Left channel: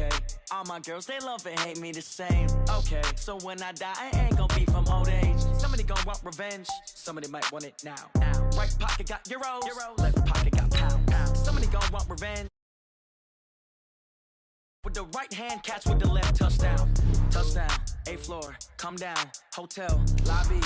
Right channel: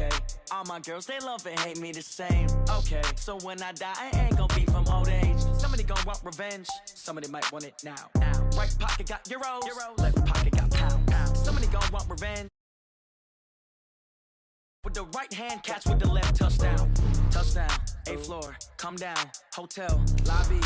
Okay, all my girls, they love and hate me the same. Okay, so when I die, I ain't gonna be from old age. Somebody gonna want revenge, somebody might want it now. Right pocket got euros, left pocket got pounds. Somebody gonna want revenge. With the right hand, catch with the left, touchdown. Touchdown, 8th floor, come down, hotel, lobby.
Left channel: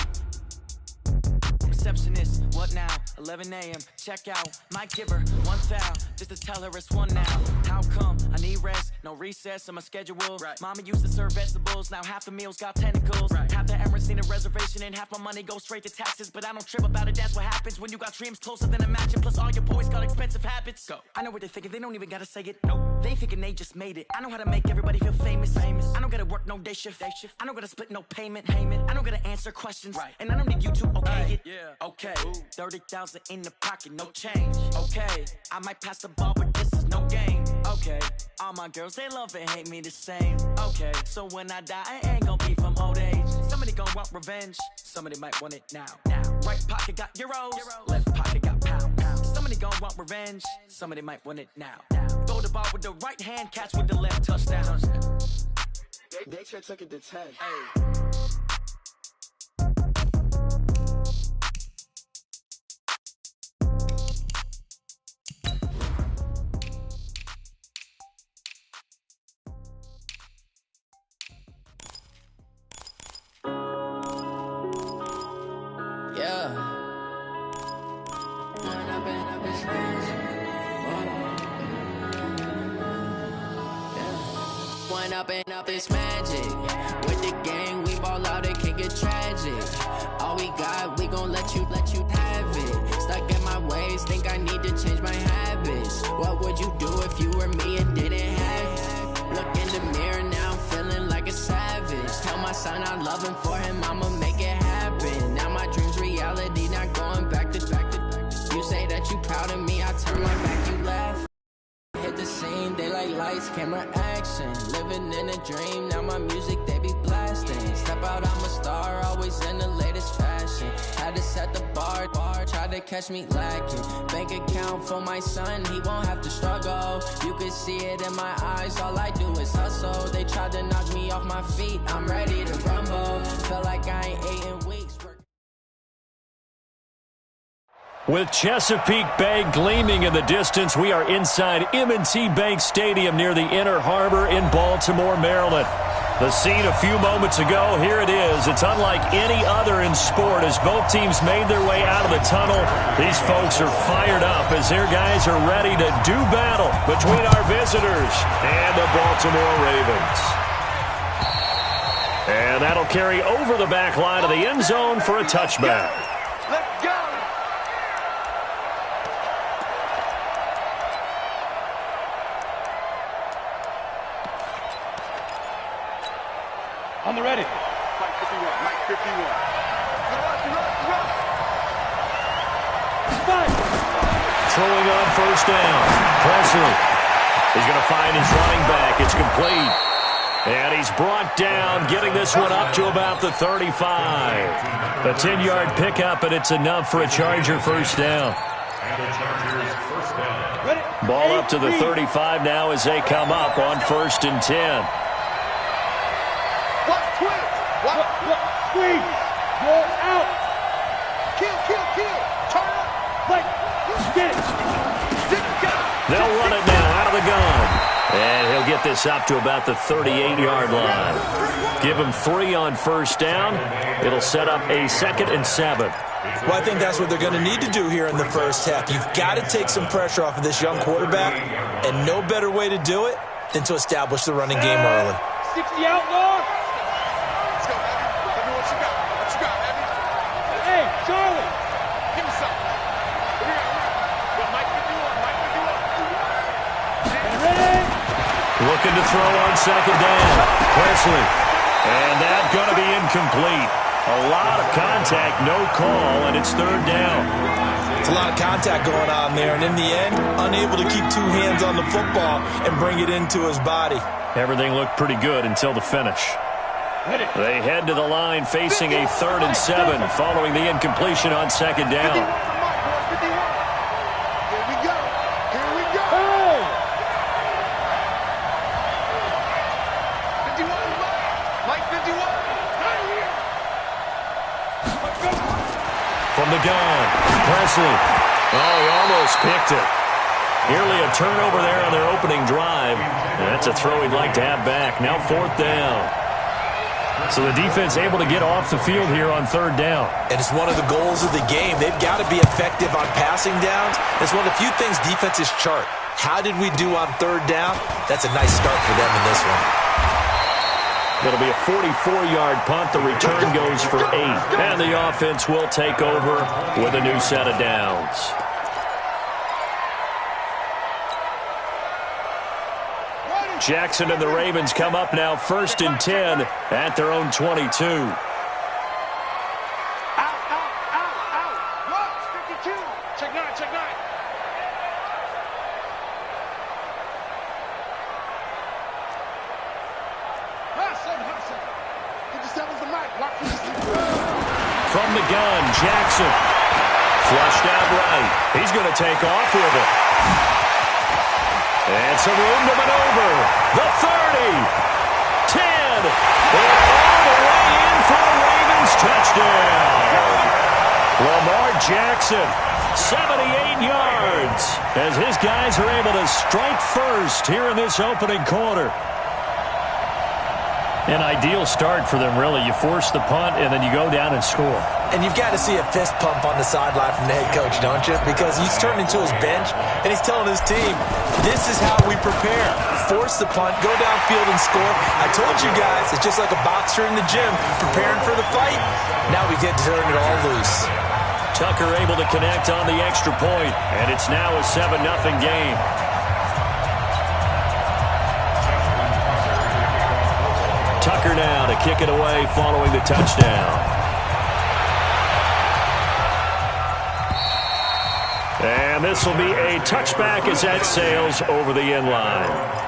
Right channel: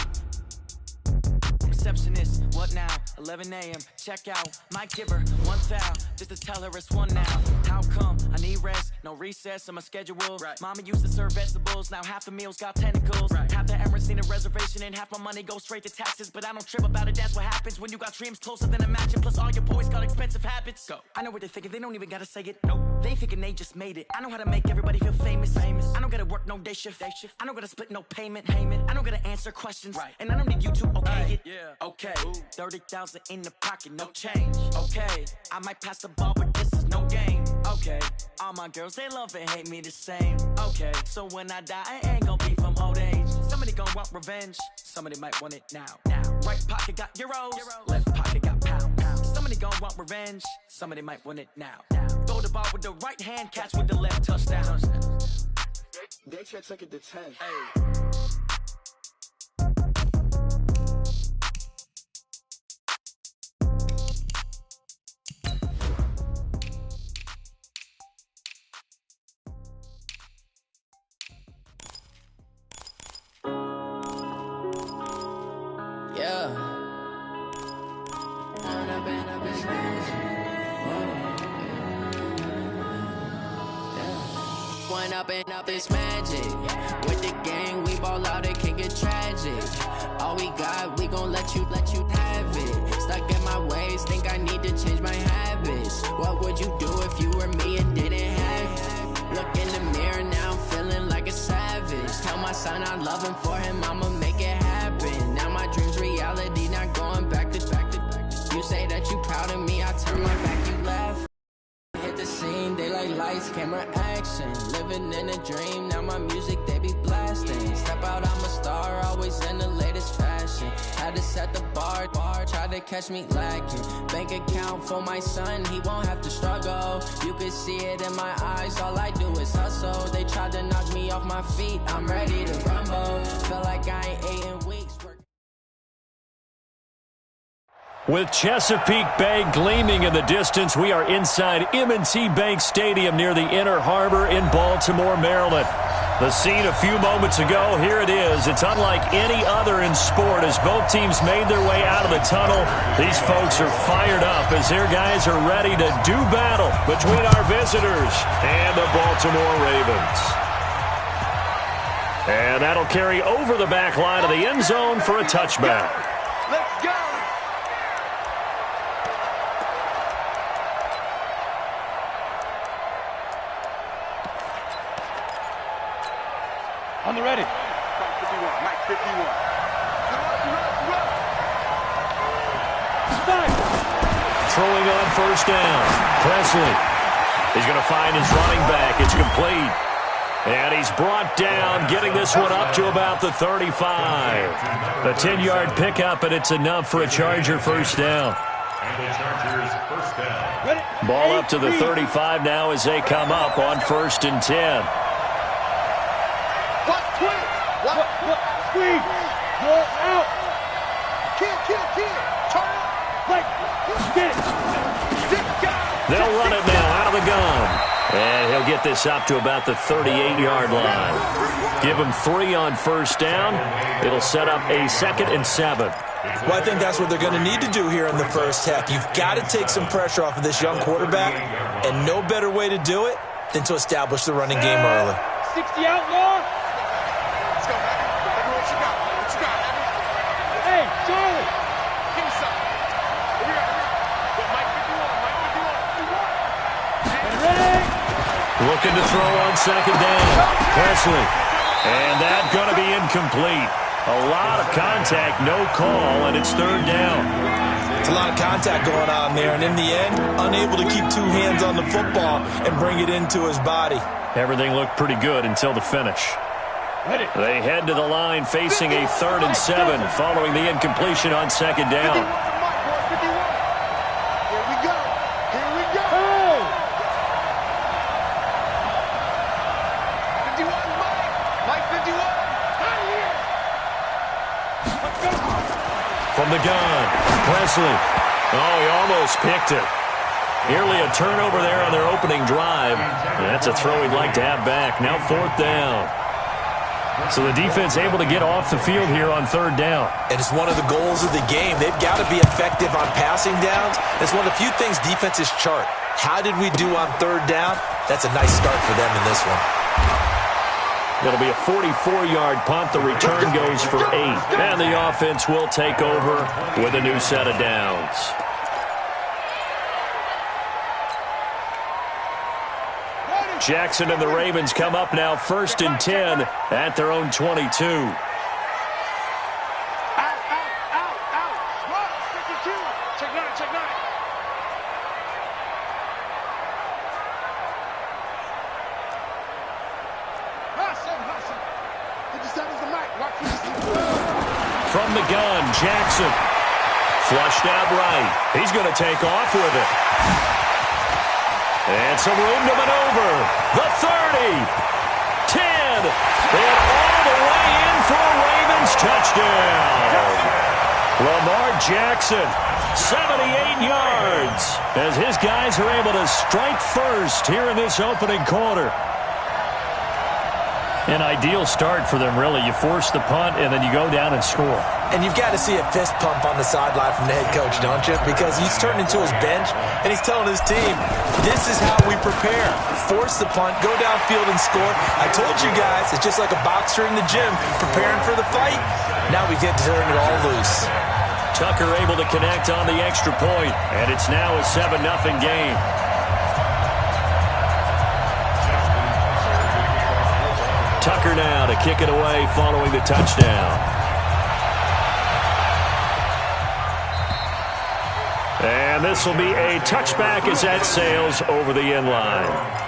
Receptionist, what now? 11 a.m. check out. Might give her one foul just to tell her it's one now. How come? I need rest, no recess in my schedule. Right. Mama used to serve vegetables, now half the meals got tentacles. Right. Half the Emirates need a reservation and half my money goes straight to taxes. But I don't trip about it, that's what happens when you got dreams closer than a mansion. Plus all your boys got expensive habits. Go. I know what they're thinking, they don't even gotta say it. Nope. They thinking they just made it. I know how to make everybody feel famous. I don't gotta work no day shift. I don't gotta split no payment. I don't gotta answer questions. Right. And I don't need you to okay it. Yeah. Okay. 30,000 in the pocket, no change. Okay. I might pass the ball, but this is no game. Okay. All my girls, they love and hate me the same. Okay. So when I die, I ain't gonna be from old age. Somebody gonna want revenge. Somebody might want it now. Right pocket got euros. Left pocket got pounds. Somebody gonna want revenge. Somebody might want it now. Throw the ball with the right hand, catch with the left, touchdown. They check it to 10. Hey. Up this magic. With the gang, we ball out, it can get tragic. All we got, we gon' let you have it. Stuck in my ways, think I need to change my habits. What would you do if you were me and didn't have it? Look in the mirror, now I'm feeling like a savage. Tell my son I love him, for him I'ma make it happen. Now my dream's reality, not going back to. You say that you proud of me, I turn my back, you laugh. Hit the scene, they like lights, camera, action. Living in a dream, now my music they be blasting. Step out, I'm a star, always in the latest fashion. Had to set the bar, try to catch me lacking. Bank account for my son, he won't have to struggle. You can see it in my eyes, all I do is hustle. They tried to knock me off my feet, I'm ready to rumble. Feel like I ain't ate in weeks. With Chesapeake Bay gleaming in the distance, we are inside M&T Bank Stadium near the Inner Harbor in Baltimore, Maryland. The scene a few moments ago, here it is. It's unlike any other in sport as both teams made their way out of the tunnel. These folks are fired up as their guys are ready to do battle between our visitors and the Baltimore Ravens. And that'll carry over the back line of the end zone for a touchback. Let's go! On the ready. Mike 51, Mike 51. Run. Spike. Throwing on first down. Presley. He's going to find his running back. It's complete. And he's brought down, getting this one up to about the 35. A 10-yard pickup, and it's enough for a Charger first down. And the Chargers first down. Ready. Ball up to the 35 now as they come up on 1st and 10. What? Twins. What? Squeeze. Roll out. Kill. Turn up. Like. Get it. They'll run it now out of the gun. And he'll get this up to about the 38-yard line. Give him 3 on first down. It'll set up a 2nd and 7. Well, I think that's what they're going to need to do here in the first half. You've got to take some pressure off of this young quarterback, and no better way to do it than to establish the running game early. 60 outlaw. Let's go, Heavy. Heavy, what you got? What you got, Heavy? Hey, Charlie. Give me something. Here we go. Go, Mike 51, Mike 51. And ready. Looking to throw on 2nd down. Presley. And that's going to be incomplete. A lot of contact, no call, and it's 3rd down. It's a lot of contact going on there, and in the end, unable to keep 2 hands on the football and bring it into his body. Everything looked pretty good until the finish. Ready. They head to the line facing a 3rd and 7 following the incompletion on 2nd down. 51 for Mike, boys, 51. Here we go. Hey! from the gun. Presley. Oh, he almost picked it. Nearly a turnover there on their opening drive. And that's a throw he'd like to have back. Now 4th down. So the defense able to get off the field here on 3rd down. And it's one of the goals of the game. They've got to be effective on passing downs. It's one of the few things defenses chart. How did we do on 3rd down? That's a nice start for them in this one. It'll be a 44-yard punt. The return goes for 8. And the offense will take over with a new set of downs. Jackson and the Ravens come up now 1st and 10 at their own 22. Out, What? 52. Check 9, check 9. Hot 57's the mic. Watch for this. From the gun, Jackson. Flushed out right. He's going to take off with it. And some room to maneuver. The 30. 10. And all the way in for a Ravens touchdown. Lamar Jackson, 78 yards, as his guys are able to strike first here in this opening quarter. An ideal start for them, really. You force the punt, and then you go down and score. And you've got to see a fist pump on the sideline from the head coach, don't you? Because he's turned into his bench, and he's telling his team, this is how we prepare. Force the punt, go downfield and score. I told you guys, it's just like a boxer in the gym preparing for the fight. Now we get to turn it all loose. Tucker able to connect on the extra point, and it's now a 7-0 game. Tucker now to kick it away following the touchdown. And this will be a touchback as that sails over the end line.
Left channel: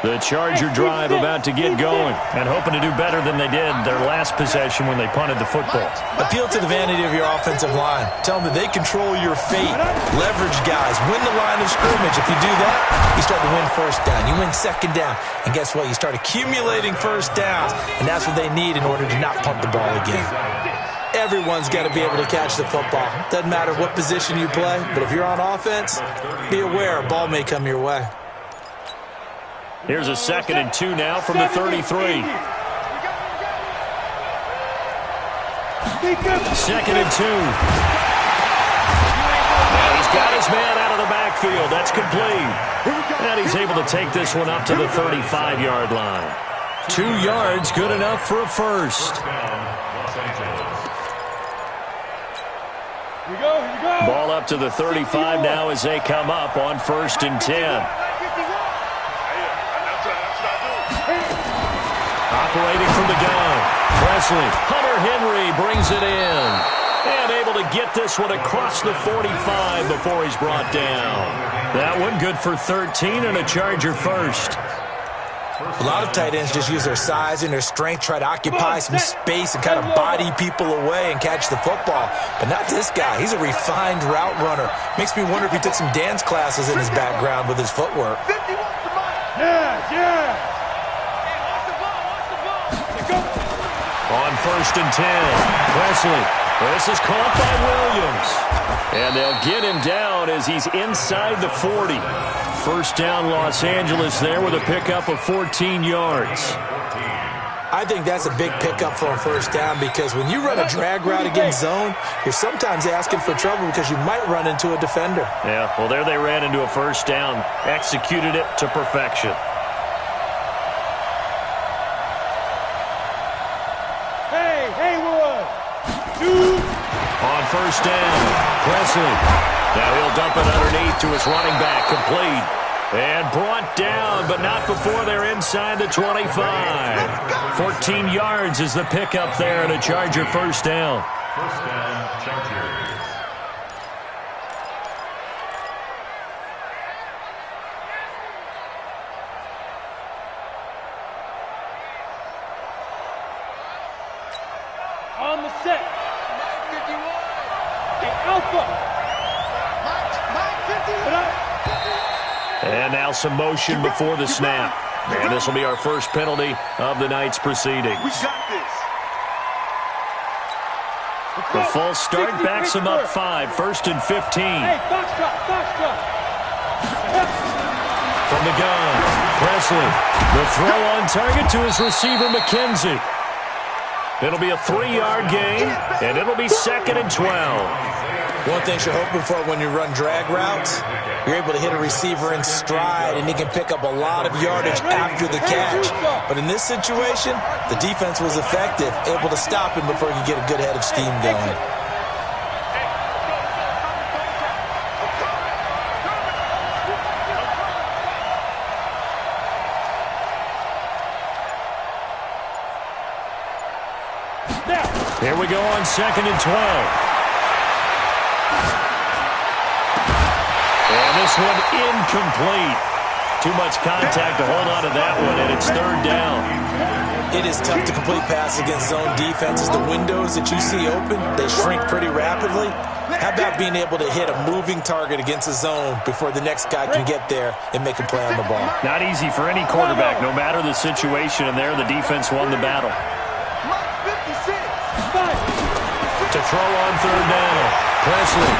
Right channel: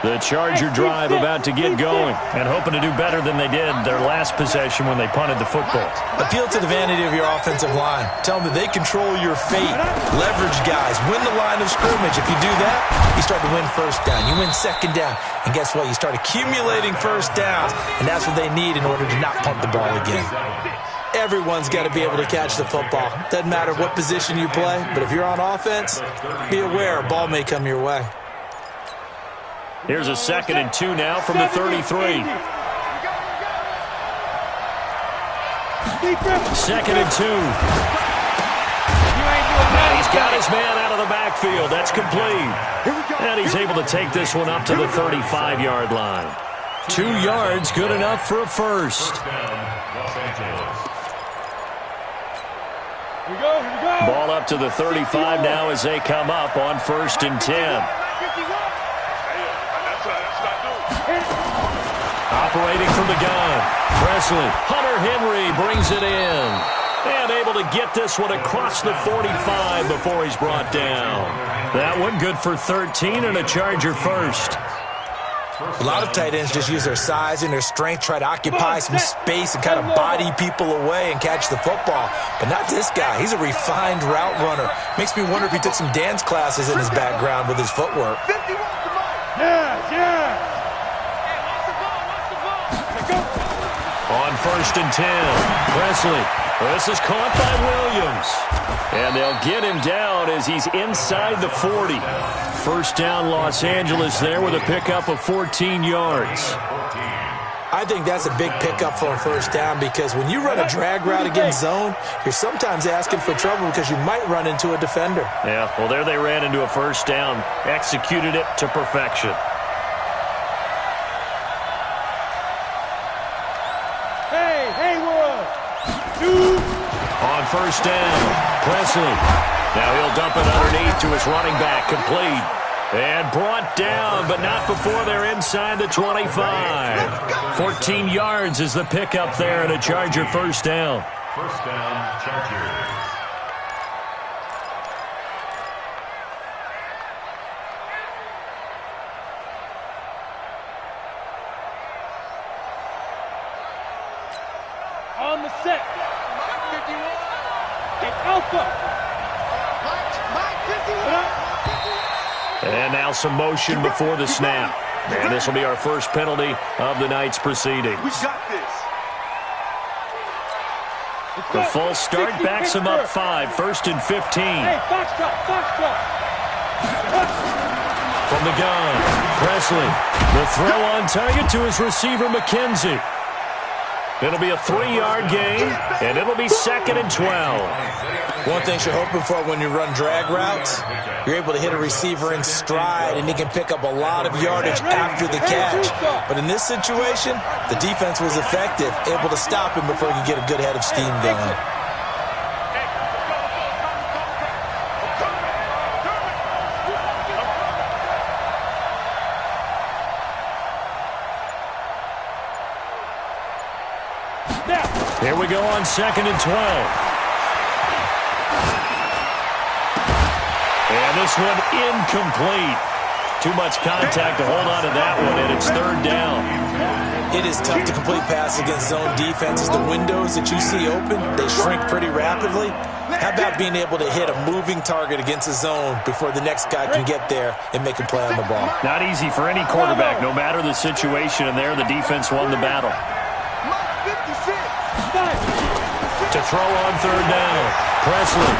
The Charger drive about to get going and hoping to do better than they did their last possession when they punted the football. Appeal to the vanity of your offensive line. Tell them that they control your fate. Leverage guys. Win the line of scrimmage. If you do that, you start to win 1st down. You win 2nd down. And guess what? You start accumulating 1st downs. And that's what they need in order to not punt the ball again. Everyone's got to be able to catch the football. Doesn't matter what position you play, but if you're on offense, be aware a ball may come your way. Here's a 2nd and 2 now from the 33. 2nd and 2. And he's got his man out of the backfield. That's complete. And he's able to take this one up to the 35-yard line. 2 yards, good enough for a first. Here we go. Ball up to the 35 now as they come up on 1st and 10. Operating from the gun, Presley. Hunter Henry brings it in. And able to get this one across the 45 before he's brought down. That one good for 13 and a Charger first. A lot of tight ends just use their size and their strength, try to occupy some space and kind of body people away and catch the football. But not this guy. He's a refined route runner. Makes me wonder if he took some dance classes in his background with his footwork. Yeah. On 1st and 10, Presley. This is caught by Williams. And they'll get him down as he's inside the 40. 1st down Los Angeles there with a pickup of 14 yards. I think that's a big pickup for a 1st down because when you run a drag route against zone, you're sometimes asking for trouble because you might run into a defender. Yeah, well, there they ran into a 1st down. Executed it to perfection. On 1st down, Presley. Now he'll dump it underneath to his running back, complete. And brought down, but not before they're inside the 25. 14 yards is the pickup there and a Charger 1st down. 1st down, Chargers. On the set. Hey, Alpha. And now some motion before the snap. And this will be our first penalty of the night's proceedings. We got this. The false start backs him up 5, 1st and 15. Hey, foxtrot, foxtrot. From the gun, Presley. The throw on target to his receiver, McKenzie. It'll be a 3-yard gain, and it'll be 2nd and 12. One thing you're hoping for when you run drag routes, you're able to hit a receiver in stride, and he can pick up a lot of yardage after the catch. But in this situation, the defense was effective, able to stop him before he could get a good head of steam going. Here we go on 2nd and 12. And this one incomplete. Too much contact to hold on to that one, and it's 3rd down. It is tough to complete passes against zone defenses. The windows that you see open, they shrink pretty rapidly. How about being able to hit a moving target against a zone before the next guy can get there and make a play on the ball? Not easy for any quarterback, no matter the situation, and there the defense won the battle. To throw on 3rd down. Presley.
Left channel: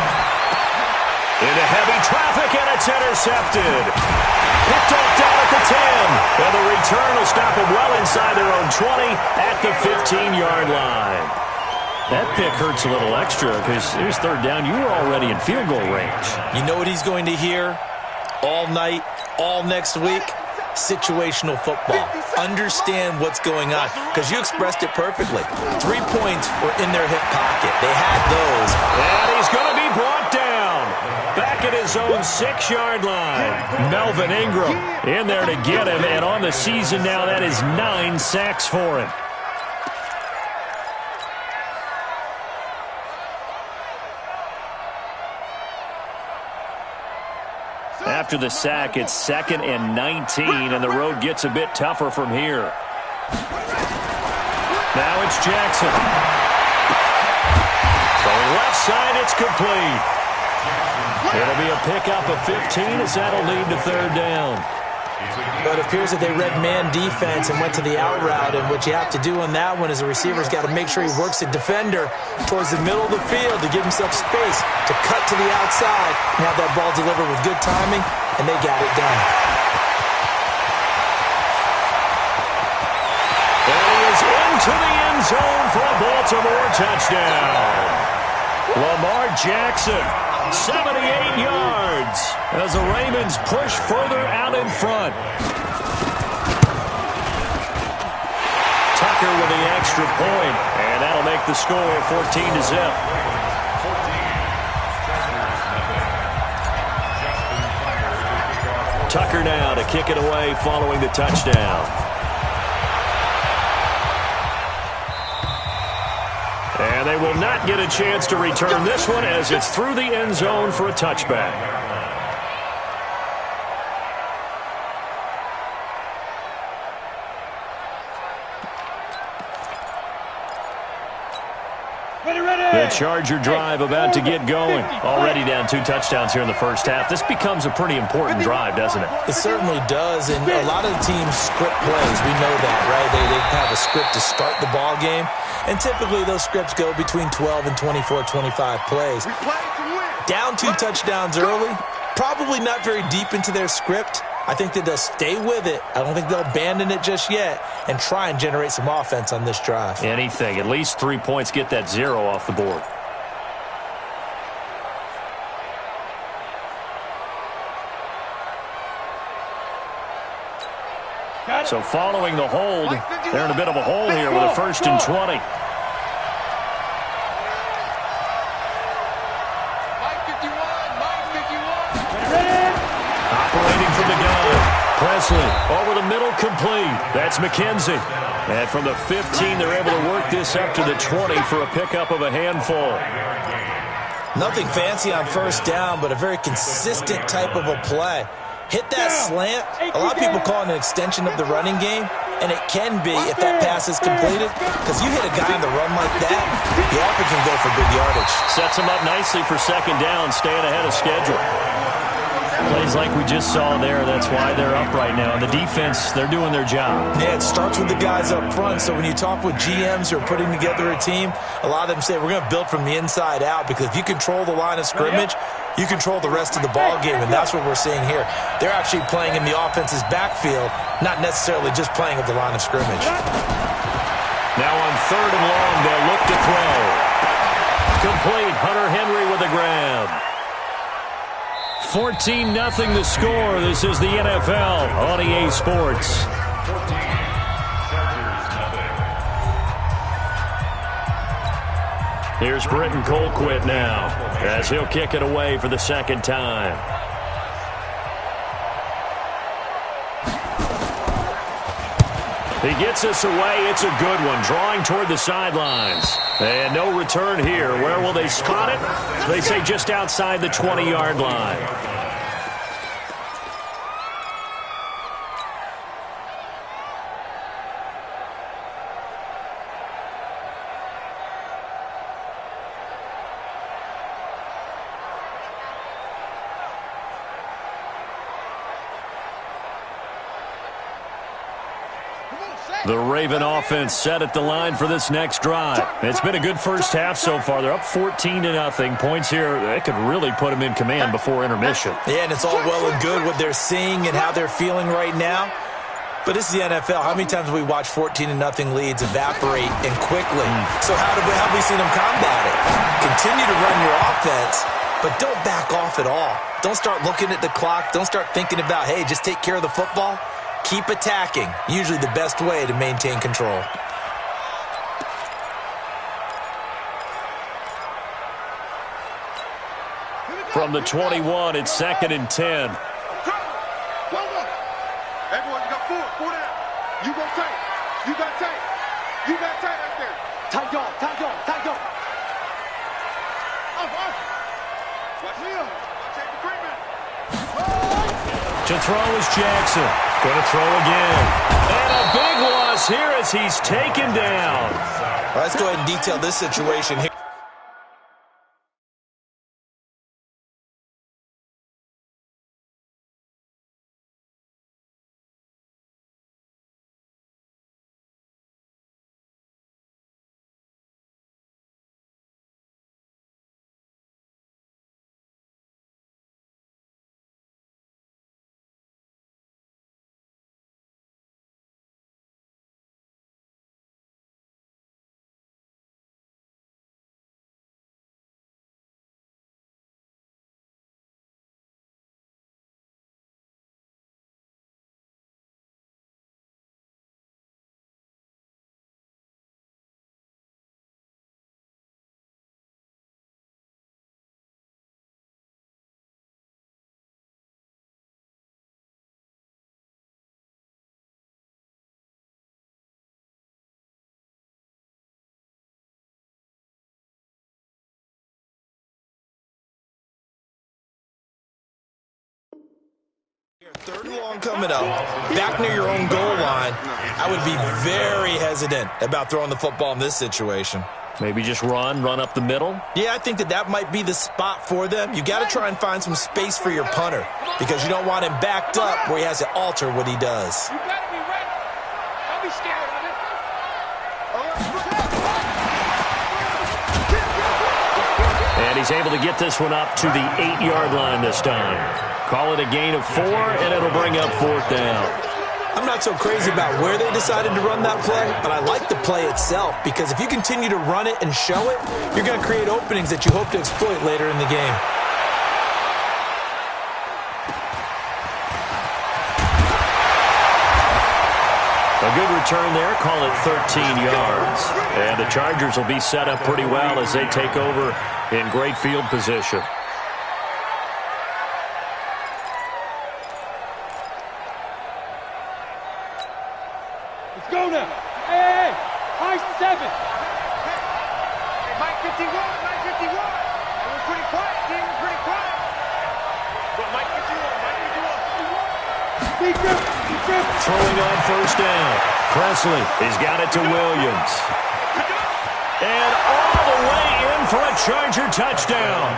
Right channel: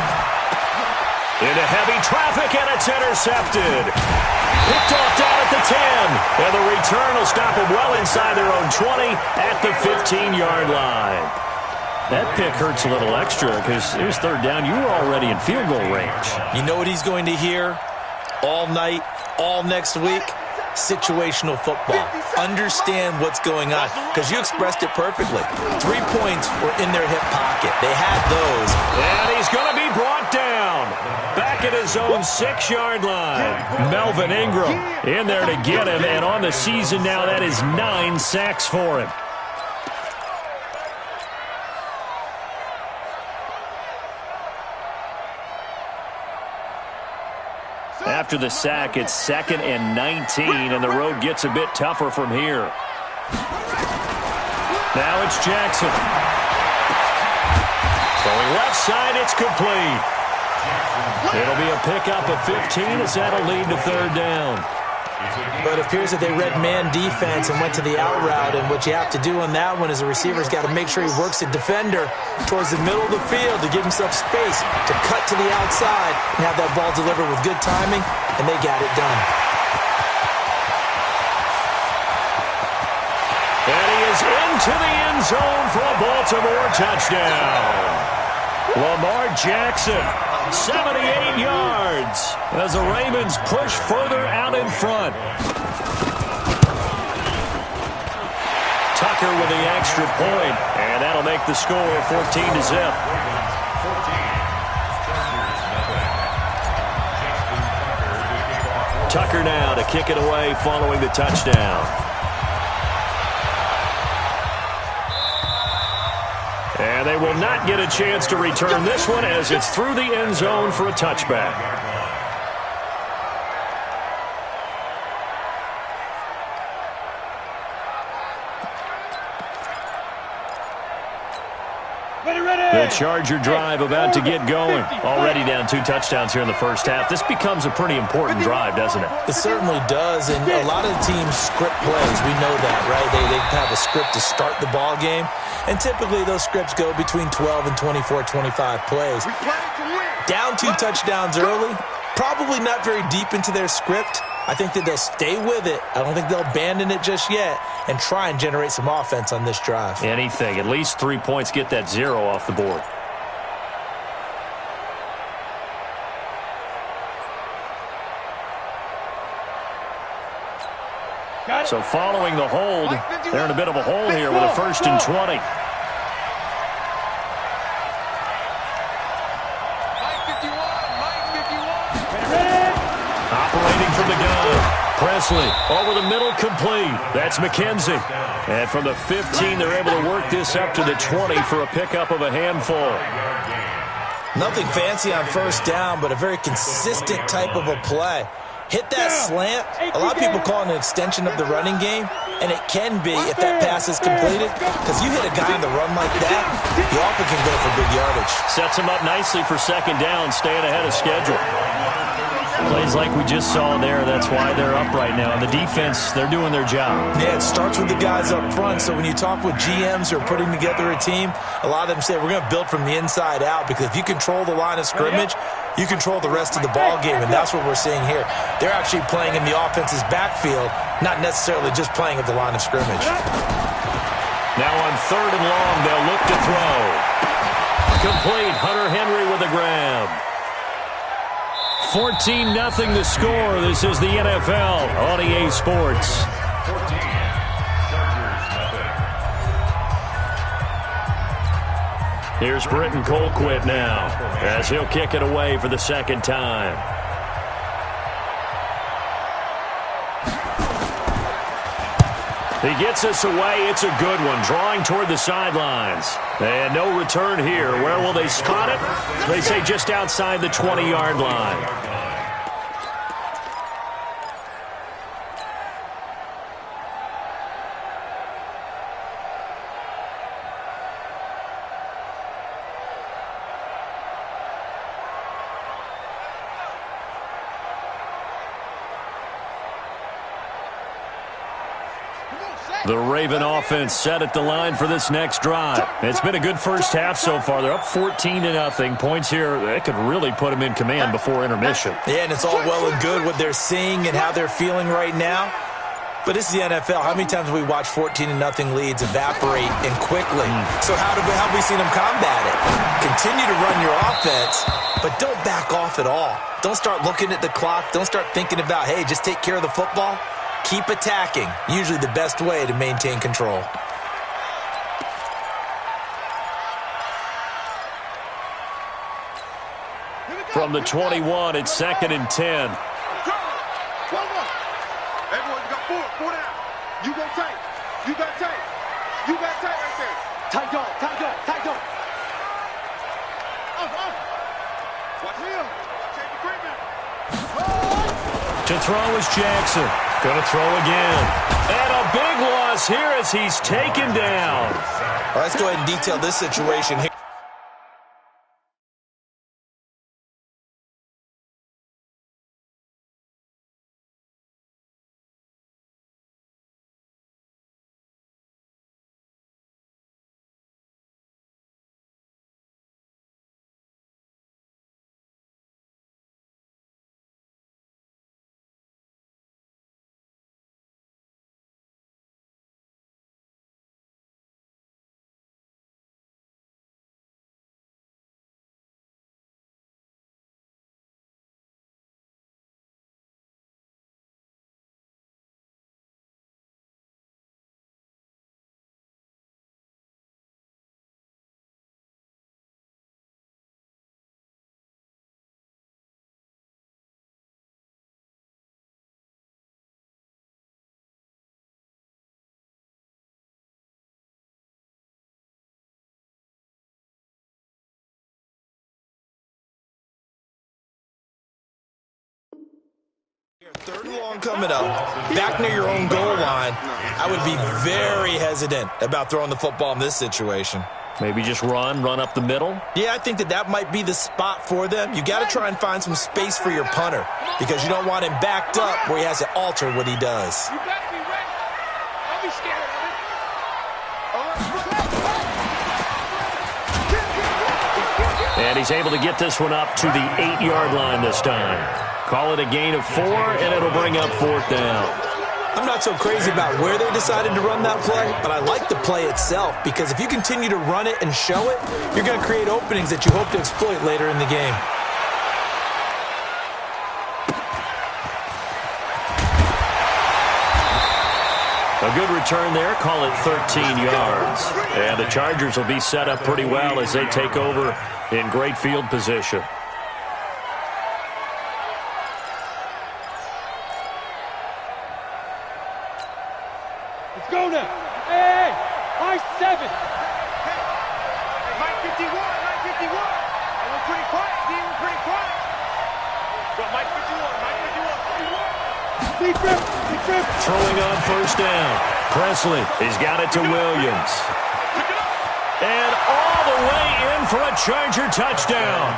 Into heavy traffic, and it's intercepted. Picked off down at the 10. And the return will stop them well inside their own 20 at the 15-yard line. That pick hurts a little extra because it was 3rd down. You were already in field goal range. You know what he's going to hear all night, all next week? Situational football. Understand what's going on, because you expressed it perfectly. 3 points were in their hip pocket. They had those. And he's going to be brought down. Back at his own 6-yard line. Melvin Ingram in there to get him, and on the season now, that is 9 sacks for him. After the sack, it's 2nd and 19, and the road gets a bit tougher from here. Now it's Jackson. Throwing left side, it's complete. It'll be a pickup of 15 as that'll lead to 3rd down. But it appears that they read man defense and went to the out route, and what you have to do on that one is the receiver's got to make sure he works the defender towards the middle of the field to give himself space to cut to the outside and have that ball delivered with good timing, and they got it done. And he is into the end zone for a Baltimore touchdown. Lamar Jackson, 78 yards, as the Ravens push further out in front. Tucker with the extra point, and that'll make the score 14-0. Tucker now to kick it away following the touchdown. And they will not get a chance to return this one as it's through the end zone for a touchback. The Charger drive about to get going. Already down 2 touchdowns here in the first half. This becomes a pretty important drive, doesn't it? It certainly does, and a lot of the teams script plays. We know that, right? They have a script to start the ball game, and typically those scripts go between 12 and 24, 25 plays. Down 2 touchdowns early, probably not very deep into their script. I think that they'll stay with it. I don't think they'll abandon it just yet and try and generate some offense on this drive. Anything. At least 3 points, get that 0 off the board. So following the hold, they're in a bit of a hole here with a 1st and 20. Operating from the gun. Presley over the middle, complete. That's McKenzie. And from the 15, they're able to work this up to the 20 for a pickup of a handful. Nothing fancy on 1st down, but a very consistent type of a play. Hit that slant. A lot of people call it an extension of the running game. And it can be if that pass is completed, because you hit a guy on the run like that, you often can go for big yardage. Sets him up nicely for second down, staying ahead of schedule. Plays like we just saw there, that's why they're up right now. And the defense, they're doing their job. Yeah, it starts with the guys up front. So when you talk with GMs who are putting together a team, a lot of them say we're going to build from the inside out, because if you control the line of scrimmage, you control the rest of the ball game, and that's what we're seeing here. They're actually playing in the offense's backfield, not necessarily just playing at the line of scrimmage. Now on 3rd and long, they'll look to throw. Complete. Hunter Henry with a grab. 14-0 the score. This is the NFL on EA Sports. 14, Chargers, nothing. Here's Britton Colquitt now, as he'll kick it away for the second time. He gets us away. It's a good one, drawing toward the sidelines. And no return here. Where will they spot it? They say just outside the 20-yard line. The Raven offense set at the line for this next drive. It's been a good first half so far. They're up 14-0. Points here, they could really put them in command before intermission. Yeah, and it's all well and good what they're seeing and how they're feeling right now. But this is the NFL. How many times have we watched 14-0 leads evaporate and quickly? So how have we seen them combat it? Continue to run your offense, but don't back off at all. Don't start looking at the clock. Don't start thinking about, hey, just take care of the football. Keep attacking. Usually the best way to maintain control. From the 21, it's 2nd and 10. Everyone, you got four down. You go tight. You got tight. You got tight right there. Tight dog, tight dog, tight dog. Off. Watch him. Watch Avery Creeping. To throw is Jackson. Going to throw again. And a big loss here as he's taken down. All right, let's go ahead and detail this situation here. Third and long coming up, back near your own goal line. I would be very hesitant about throwing the football in this situation. Maybe just run up the middle? Yeah, I think that might be the spot for them. You got to try and find some space for your punter, because you don't want him backed up where he has to alter what he does. You got to be ready. Don't be scared of it. And he's able to get this one up to the 8-yard line this time. Call it a gain of 4, and it'll bring up 4th down. I'm not so crazy about where they decided to run that play, but I like the play itself, because if you continue to run it and show it, you're going to create openings that you hope to exploit later in the game. A good return there, call it 13 yards. And the Chargers will be set up pretty well as they take over in great field position. Let's go now. Hey, high 7. Hey, Mike 51. Hey, we're pretty quiet, team. We're pretty quiet. But Mike 51. Throwing on first down. Presley, he's got it to Williams. And all the way in for a Charger touchdown.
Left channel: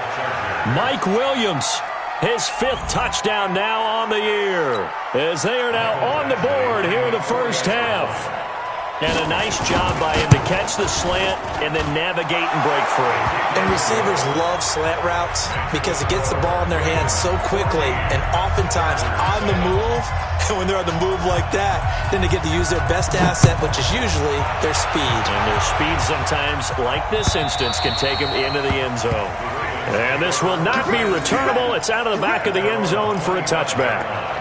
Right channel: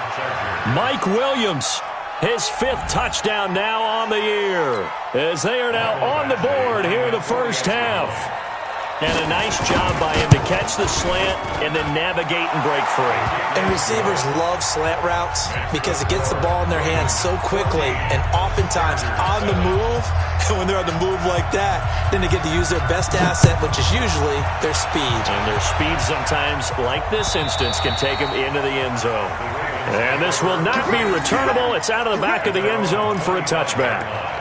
Mike Williams, his 5th touchdown now on the year, as they are now on the board here in the first half. And a nice job by him to catch the slant and then navigate and break free. And receivers love slant routes because it gets the ball in their hands so quickly and oftentimes on the move. And when they're on the move like that, then they get to use their best asset, which is usually their speed. And their speed sometimes, like this instance, can take them into the end zone. And this will not be returnable. It's out of the back of the end zone for a touchback.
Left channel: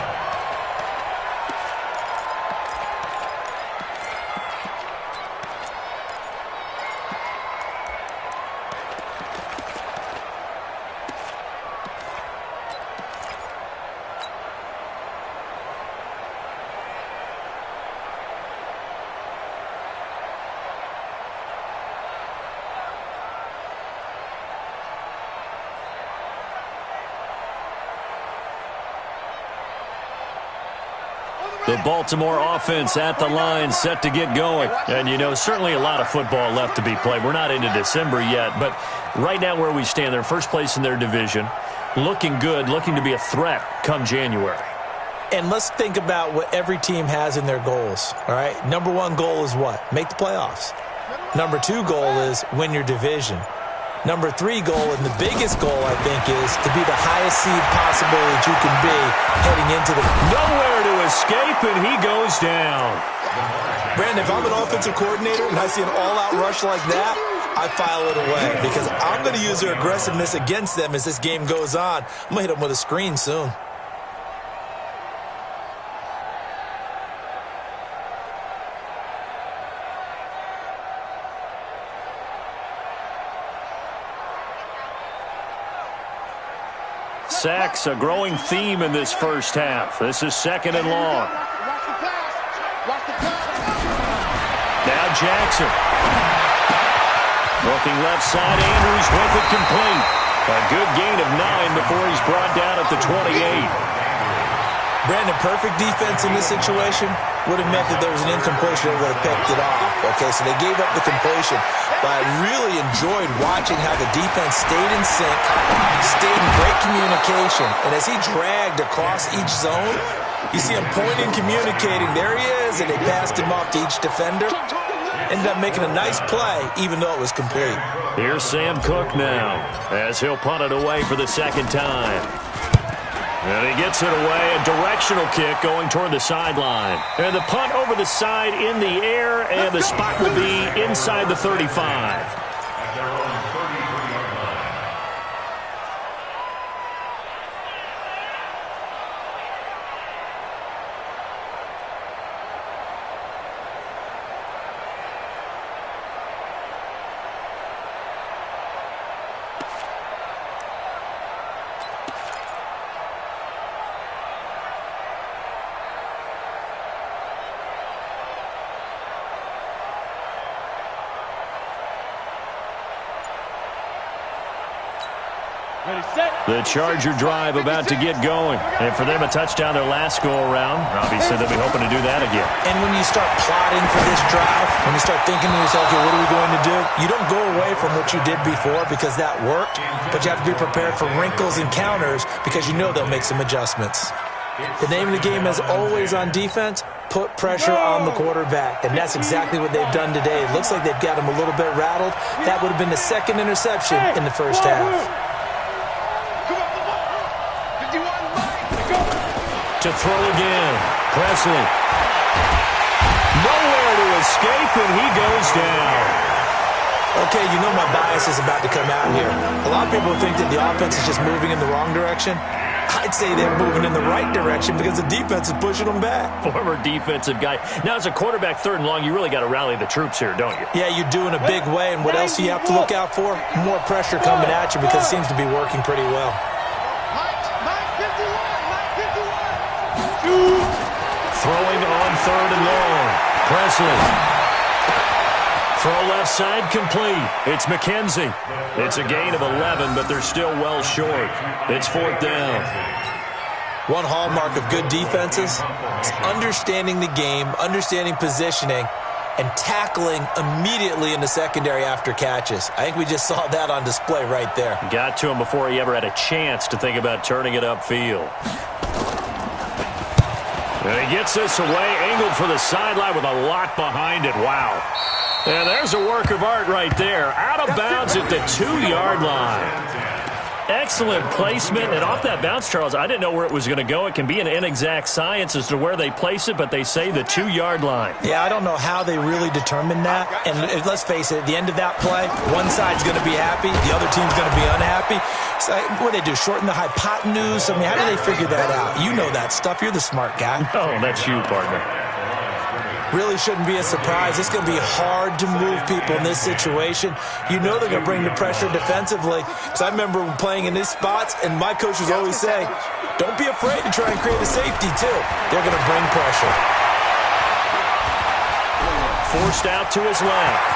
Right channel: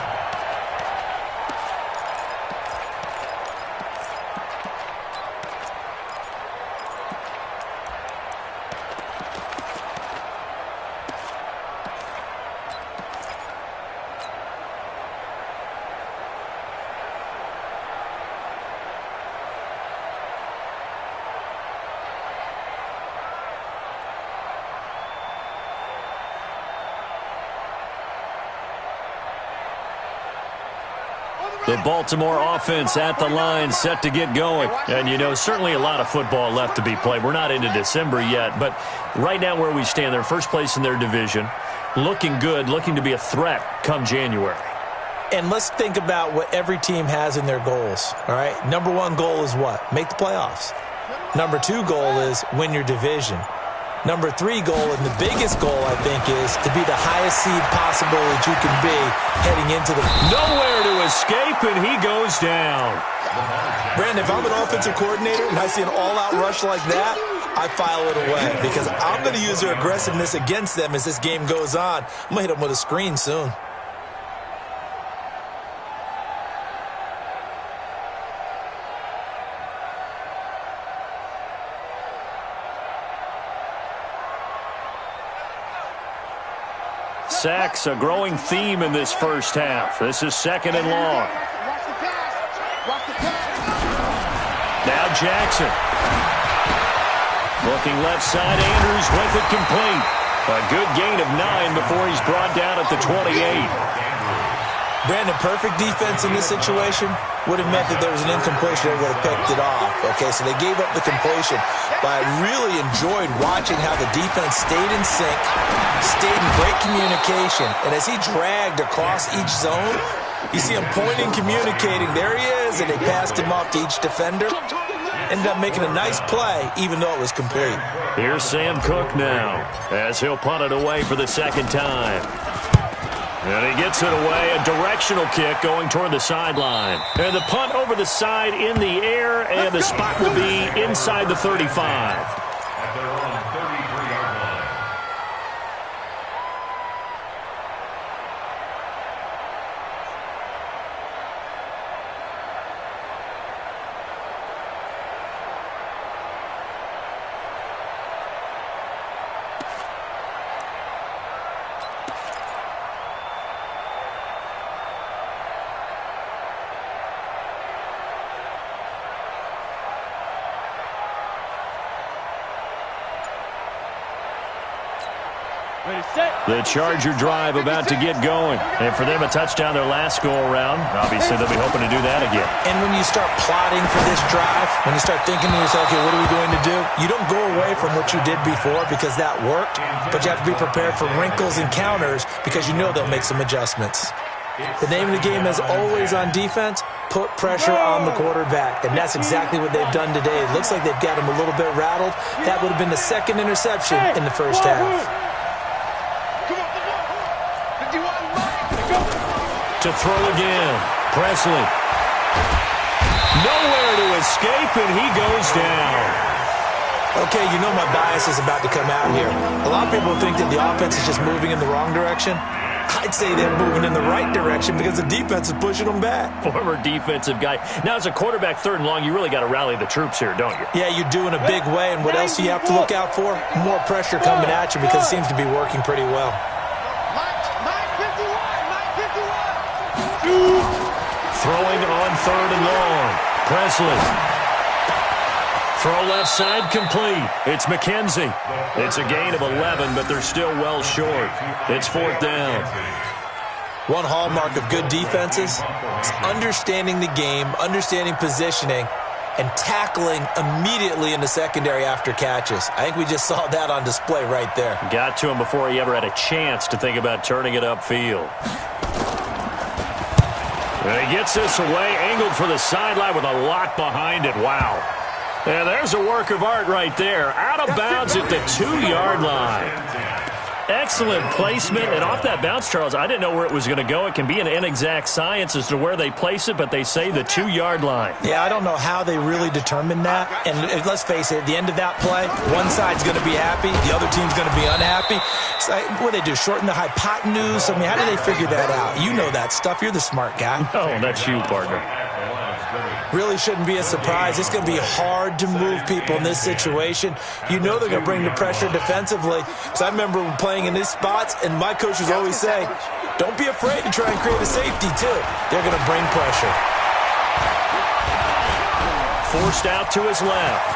The Baltimore offense at the line, set to get going. And, you know, certainly a lot of football left to be played. We're not into December yet, but right now where we stand, they're first place in their division, looking good, looking to be a threat come January. And let's think about what every team has in their goals, all right? Number 1 goal is what? Make the playoffs. Number 2 goal is win your division. Number 3 goal, and the biggest goal, I think, is to be the highest seed possible that you can be heading into the... Nowhere to escape, and he goes down. Brandon, if I'm an offensive coordinator and I see an all-out rush like that, I file it away because I'm going to use their aggressiveness against them as this game goes on. I'm going to hit them with a screen soon. Sacks, a growing theme in this first half. This is 2nd and long. Now Jackson. Looking left side, Andrews with it complete. A good gain of 9 before he's brought down at the 28. Brandon, perfect defense in this situation would have meant that there was an incompletion. They would have picked it off. Okay, so they gave up the completion. But I really enjoyed watching how the defense stayed in sync, stayed in great communication. And as he dragged across each zone, you see him pointing, communicating. There he is, and they passed him off to each defender. Ended up making a nice play, even though it was complete. Here's Sam Cook now, as he'll punt it away for the 2nd time. And he gets it away, a directional kick going toward the sideline. And the punt over the side in the air, and the spot will be inside the 35. At their own 33-yard line. The Charger drive about to get going. And for them, a touchdown their last go-around. Obviously, they'll be hoping to do that again. And when you start plotting for this drive, when you start thinking to yourself, okay, what are we going to do? You don't go away from what you did before because that worked, but you have to be prepared for wrinkles and counters because you know they'll make some adjustments. The name of the game is always on defense, put pressure on the quarterback, and that's exactly what they've done today. It looks like they've got him a little bit rattled. That would have been the 2nd interception in the first half. To throw again, Presley. Nowhere to escape, and he goes down. Okay, you know my bias is about to come out here. A lot of people think that the offense is just moving in the wrong direction. I'd say they're moving in the right direction because the defense is pushing them back. Former defensive guy. Now, as a quarterback 3rd and long, you really got to rally the troops here, don't you? Yeah, you do in a big way, and what else do you have to look out for? More pressure coming at you because it seems to be working pretty well. Throwing on 3rd and long. Presley. Throw left side complete. It's McKenzie. It's a gain of 11, but they're still well short. It's 4th down. One hallmark of good defenses is understanding the game, understanding positioning, and tackling immediately in the secondary after catches. I think we just saw that on display right there. Got to him before he ever had a chance to think about turning it upfield. And he gets this away, angled for the sideline with a lot behind it. Wow. And there's a work of art right there. Out of bounds at the 2-yard line. Excellent placement, and off that bounce, Charles, I didn't know where it was going to go. It can be an inexact science as to where they place it, but they say the 2-yard line. Yeah, I don't know how they really determined that. And let's face it, at the end of that play, one side's going to be happy, the other team's going to be unhappy. So, what do they do, shorten the hypotenuse? I mean, how do they figure that out? You know that stuff. You're the smart guy. Oh, that's you, partner. Really shouldn't be a surprise. It's going to be hard to move people in this situation. You know they're going to bring the pressure defensively. Because I remember playing in these spots, and my coach was always saying, don't be afraid to try and create a safety, too. They're going to bring pressure. Forced out to his left.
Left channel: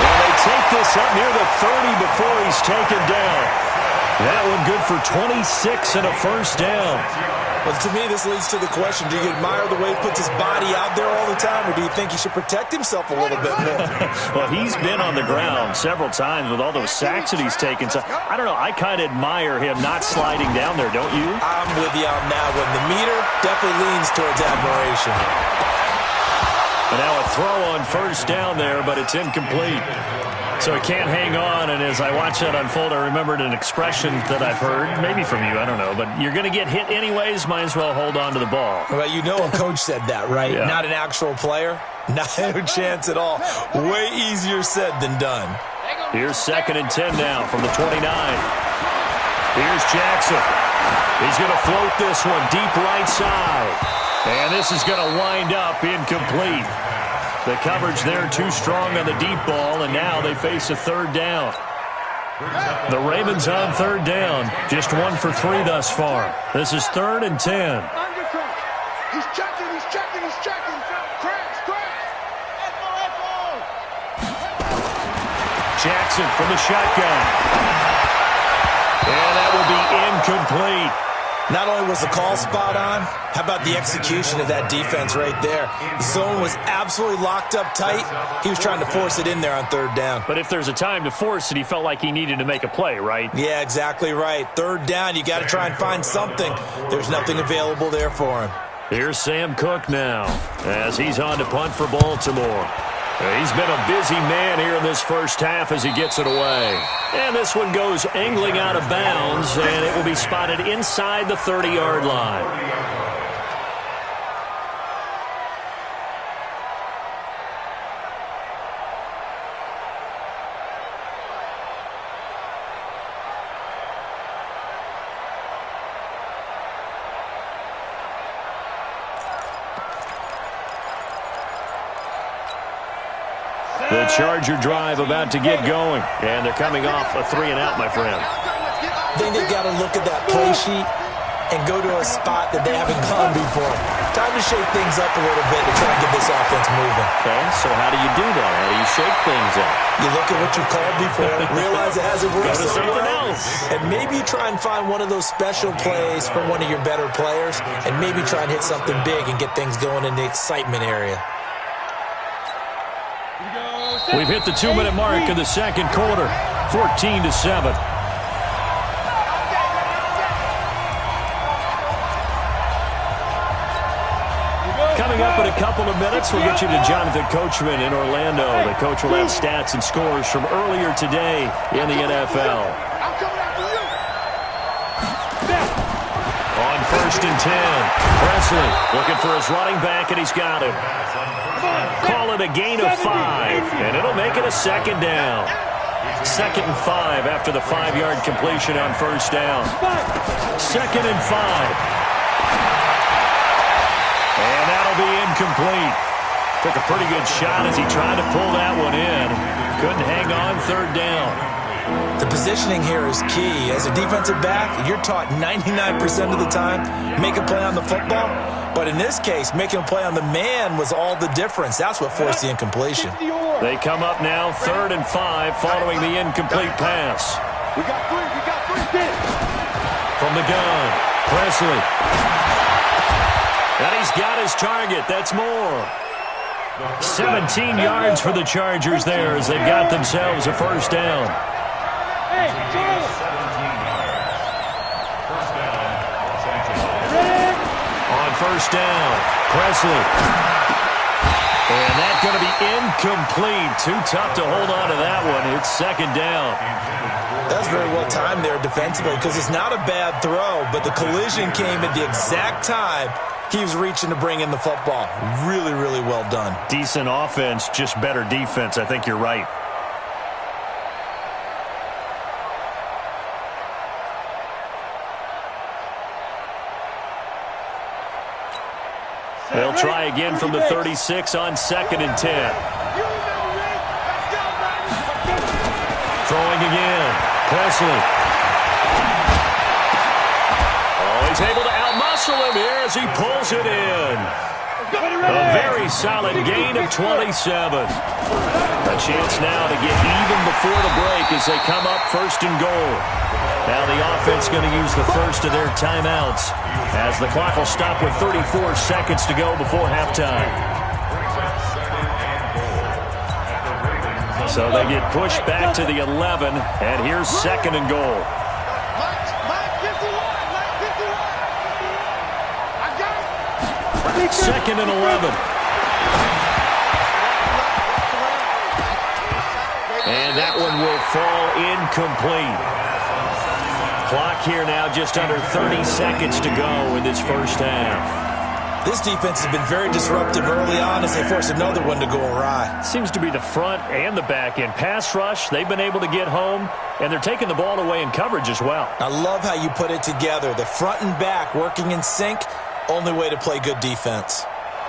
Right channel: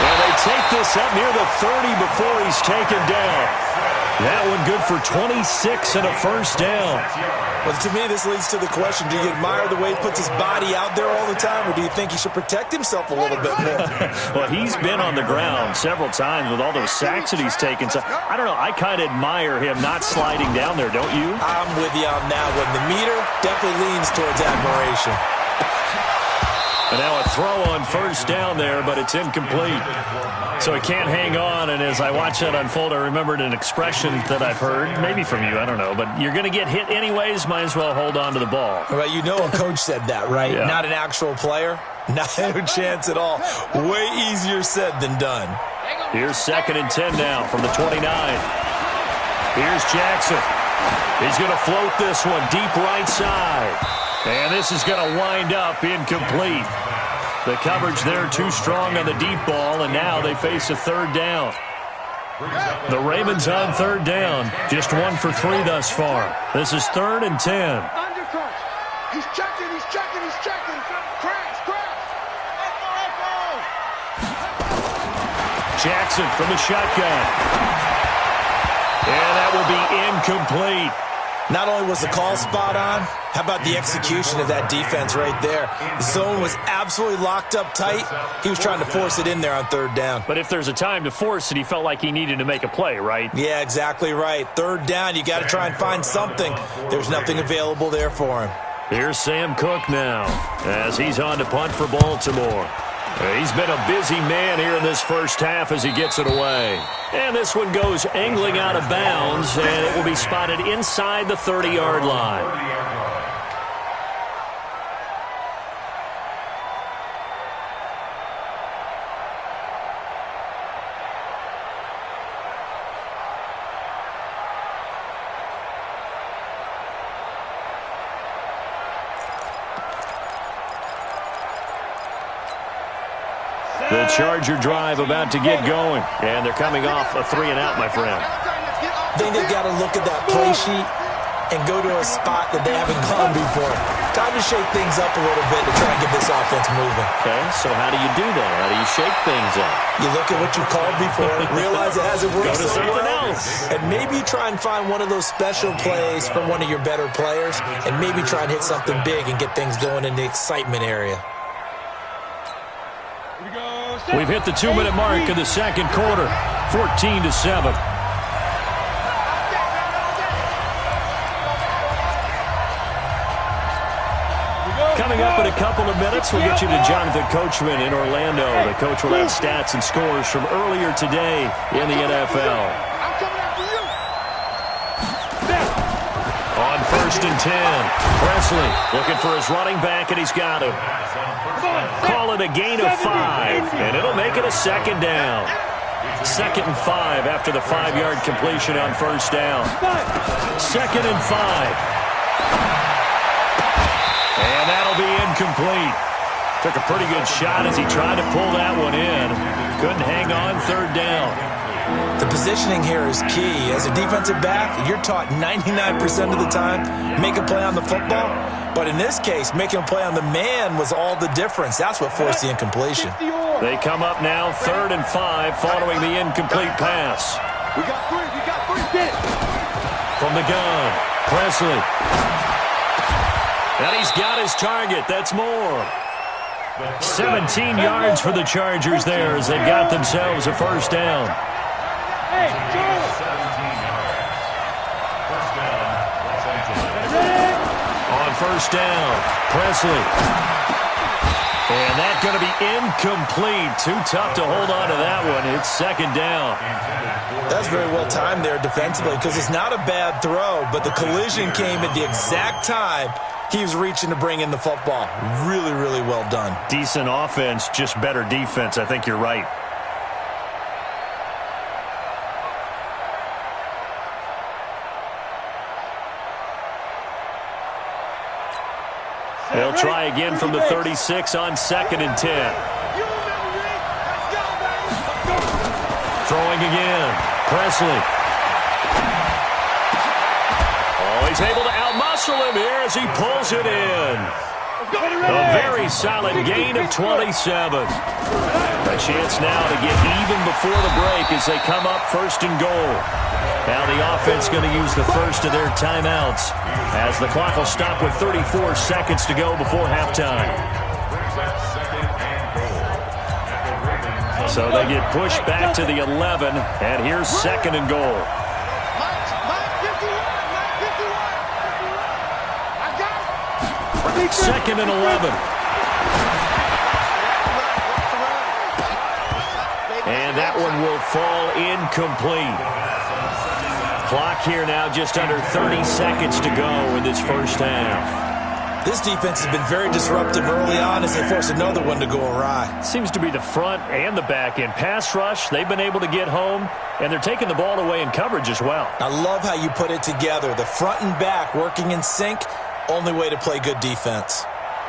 And they take this up near the 30 before he's taken down. That one good for 26 and a first down. Well, to me, this leads to the question, do you admire the way he puts his body out there all the time, or do you think he should protect himself a little bit more? Well, he's been on the ground several times with all those sacks that he's taken. So, I don't know. I kind of admire him not sliding down there, don't you? I'm with you on that one. The meter definitely leans towards admiration. And now a throw on first down there, but it's incomplete. So it can't hang on, and as I watch that unfold, I remembered an expression that I've heard, maybe from you, I don't know, but you're going to get hit anyways, might as well hold on to the ball. Well, you know a coach said that, right? Yeah. Not an actual player? No chance at all. Way easier said than done. Here's 2nd and 10 now from the 29. Here's Jackson. He's going to float this one deep right side. And this is going to wind up incomplete. The coverage there too strong on the deep ball, and now they face a 3rd down. The Ravens on 3rd down, just 1 for 3 thus far. This is 3rd and 10. He's checking, he's checking, he's checking. Crash, crash. Echo. Jackson from the shotgun. And that will be incomplete. Not only was the call spot on, how about the execution of that defense right there? The zone was absolutely locked up tight. He was trying to force it in there on 3rd down. But if there's a time to force it, he felt like he needed to make a play, right? Yeah, exactly right. 3rd down, you got to try and find something. There's nothing available there for him. Here's Sam Cook now as he's on to punt for Baltimore. He's been a busy man here in this first half as he gets it away. And this one goes angling out of bounds, and it will be spotted inside the 30-yard line. The Charger drive about to get going, and they're coming off a 3-and-out, my friend. I think they've got to look at that play sheet and go to a spot that they haven't gone before. Time to shake things up a little bit to try and get this offense moving. Okay, so how do you do that? How do you shake things up? You look at what you called before, realize it hasn't worked Go to so something well, else. and maybe try and find one of those special plays from one of your better players, and maybe try and hit something big and get things going in the excitement area. We've hit the 2-minute mark of the second quarter, 14-7. Coming up in a couple of minutes, we'll get you to Jonathan Coachman in Orlando. The coach will have stats and scores from earlier today in the NFL. I'm coming after you. On 1st and 10, Presley looking for his running back, and he's got him. Call it a gain of 5, and it'll make it a 2nd down. 2nd and 5 after the 5-yard completion on 1st down. 2nd and 5. And that'll be incomplete. Took a pretty good shot as he tried to pull that one in. Couldn't hang on 3rd down. The positioning here is key. As a defensive back, you're taught 99% of the time, make a play on the football. But in this case, making a play on the man was all the difference. That's what forced the incompletion. They come up now 3rd and 5 following the incomplete pass. We got 3, we got 3. Get it. From the gun, Presley. And he's got his target. That's more. 17 yards for the Chargers there as they've got themselves a first down. Hey, Charlie. 17 yards. First down, Los Angeles. On first down, Presley. And that's going to be incomplete. Too tough to hold on to that one. It's second down. That's very well timed there defensively because it's not a bad throw, but the collision came at the exact time he was reaching to bring in the football. Really, really well done. Decent offense, just better defense. I think you're right. They'll try again from the 36 on 2nd and 10. Throwing again. Presley. Oh, he's able to outmuscle him here as he pulls it in. A very solid gain of 27. A chance now to get even before the break as they come up 1st and goal. Now the offense going to use the first of their timeouts as the clock will stop with 34 seconds to go before halftime. So they get pushed back to the 11, and here's 2nd and goal. Second and 11. And that one will fall incomplete. Clock here now just under 30 seconds to go in this first half. This defense has been very disruptive early on as they force another one to go awry. Seems to be the front and the back end. Pass rush, they've been able to get home, and they're taking the ball away in coverage as well. I love how you put it together. The front and back working in sync, only way to play good defense.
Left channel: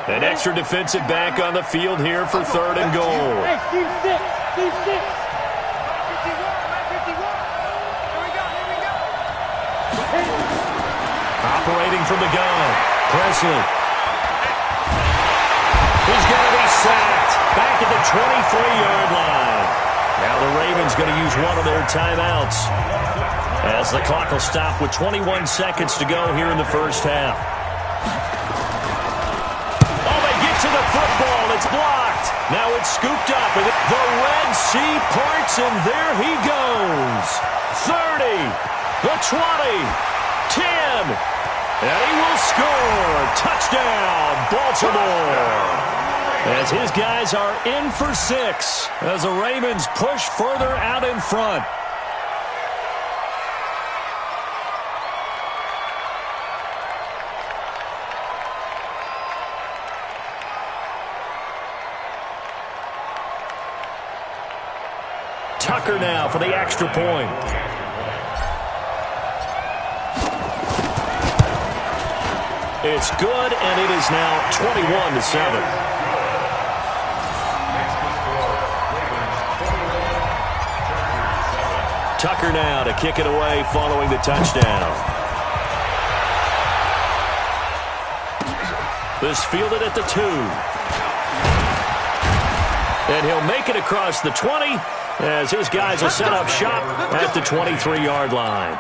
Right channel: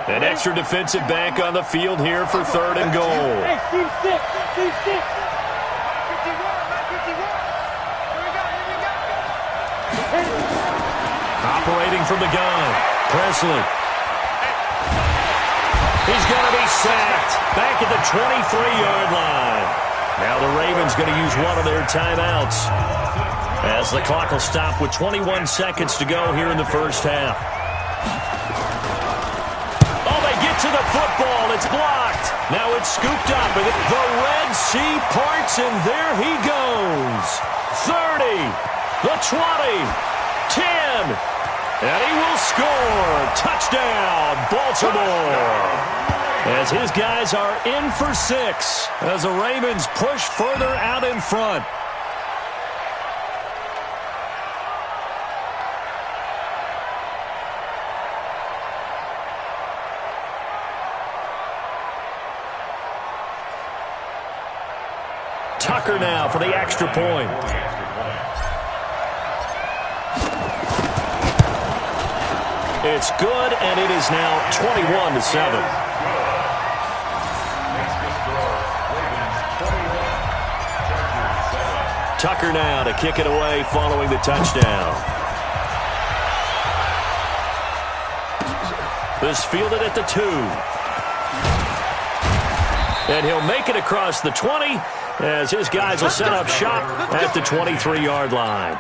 An extra defensive back on the field here for 3rd and goal. Hey, team 6, team 6. Operating from the gun, Presley. He's going to be sacked back at the 23-yard line. Now the Ravens going to use one of their timeouts as the clock will stop with 21 seconds to go here in the first half. Oh, they get to the football. It's blocked. Now it's scooped up. And the Red Sea parts, and there he goes. 30, the 20, 10. And he will score. Touchdown, Baltimore. As his guys are in for 6 as the Ravens push further out in front. Tucker now for the extra point. It's good, and it is now 21-7. Tucker now to kick it away following the touchdown. This fielded at the 2. And he'll make it across the 20 as his guys will set up shop at the 23-yard line.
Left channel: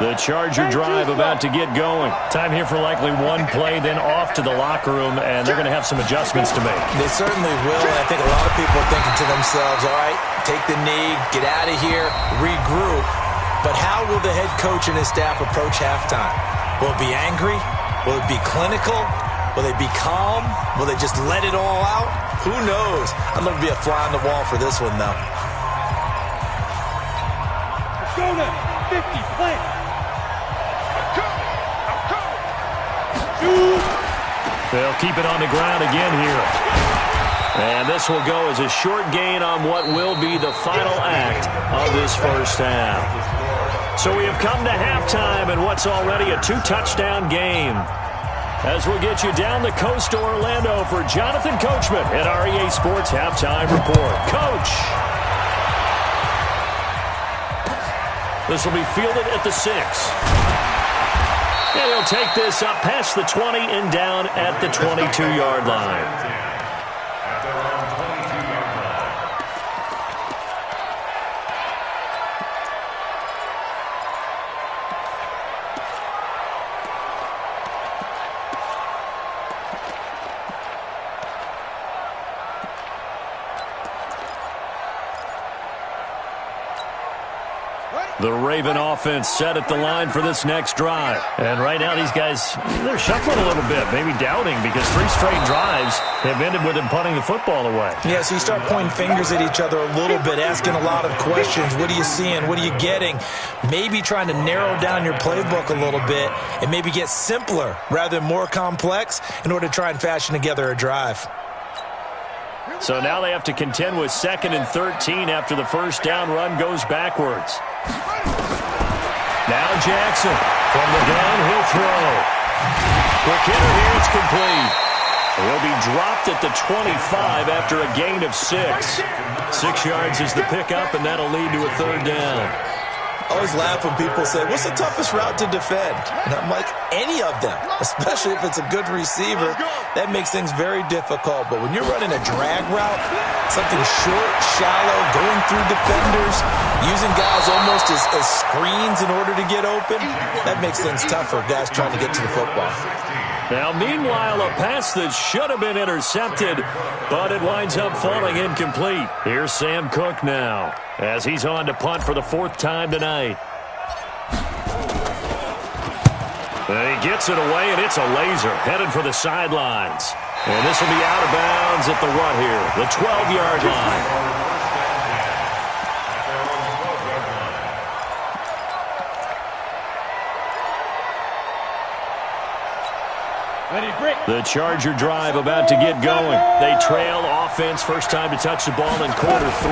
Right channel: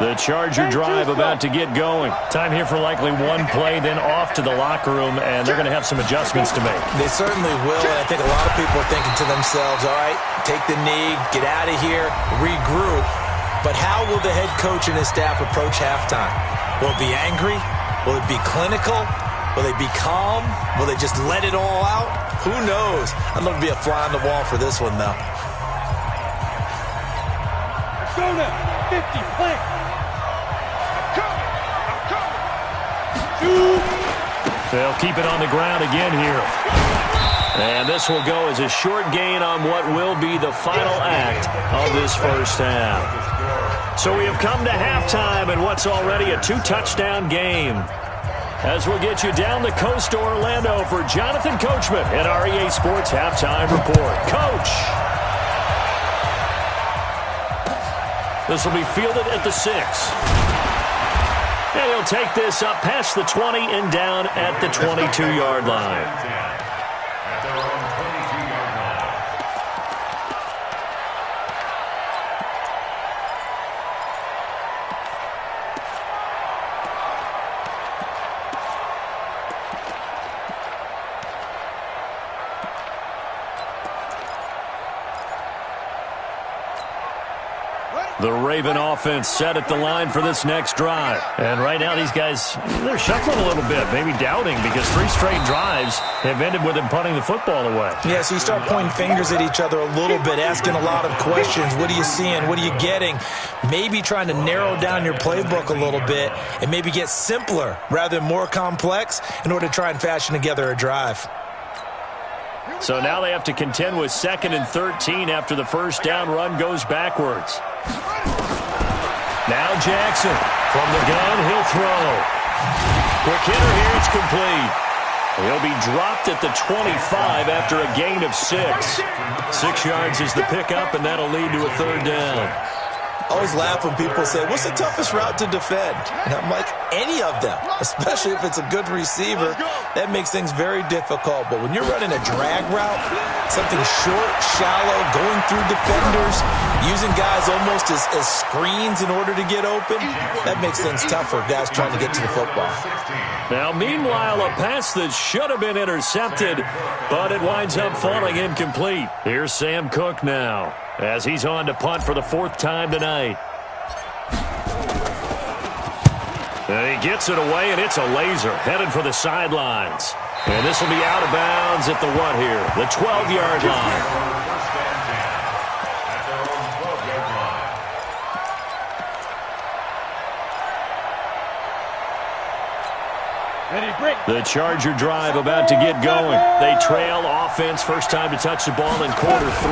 The Charger drive about to get going. Time here for likely one play, then off to the locker room, and they're going to have some adjustments to make. They certainly will, and I think a lot of people are thinking to themselves, all right, take the knee, get out of here, regroup. But how will the head coach and his staff approach halftime? Will it be angry? Will it be clinical? Will they be calm? Will they just let it all out? Who knows? I'd love to be a fly on the wall for this one, though. Let's go now. 50, play. They'll keep it on the ground again here. And this will go as a short gain on what will be the final act of this first half. So we have come to halftime in what's already a 2-touchdown game. As we'll get you down the coast to Orlando for Jonathan Coachman at our EA Sports Halftime Report. Coach! This will be fielded at the 6. And he'll take this up past the 20 and down at the 22-yard line. The Raven offense set at the line for this next drive. And right now these guys, they're shuffling a little bit, maybe doubting, because 3 straight drives have ended with them punting the football away. Yeah, so you start pointing fingers at each other a little bit, asking a lot of questions. What are you seeing? What are you getting? Maybe trying to narrow down your playbook a little bit and maybe get simpler rather than more complex in order to try and fashion together a drive. So now they have to contend with 2nd and 13 after the first down run goes backwards. Now Jackson from the gun, he'll throw. Quick hitter here, it's complete. He'll be dropped at the 25 after a gain of 6. 6 yards is the pickup, and that'll lead to a 3rd down. I always laugh when people say, what's the toughest route to defend? And I'm like, any of them, especially if it's a good receiver. That makes things very difficult. But when you're running a drag route, something short, shallow, going through defenders, using guys almost as screens in order to get open, that makes things tougher, guys trying to get to the football. Now, meanwhile, a pass that should have been intercepted, but it winds up falling incomplete. Here's Sam Cook now, as he's on to punt for the 4th time tonight. And he gets it away, and it's a laser headed for the sidelines. And this will be out of bounds at the what here? The 12-yard line. The Charger drive about to get going. They trail offense, first time to touch the ball in quarter 3,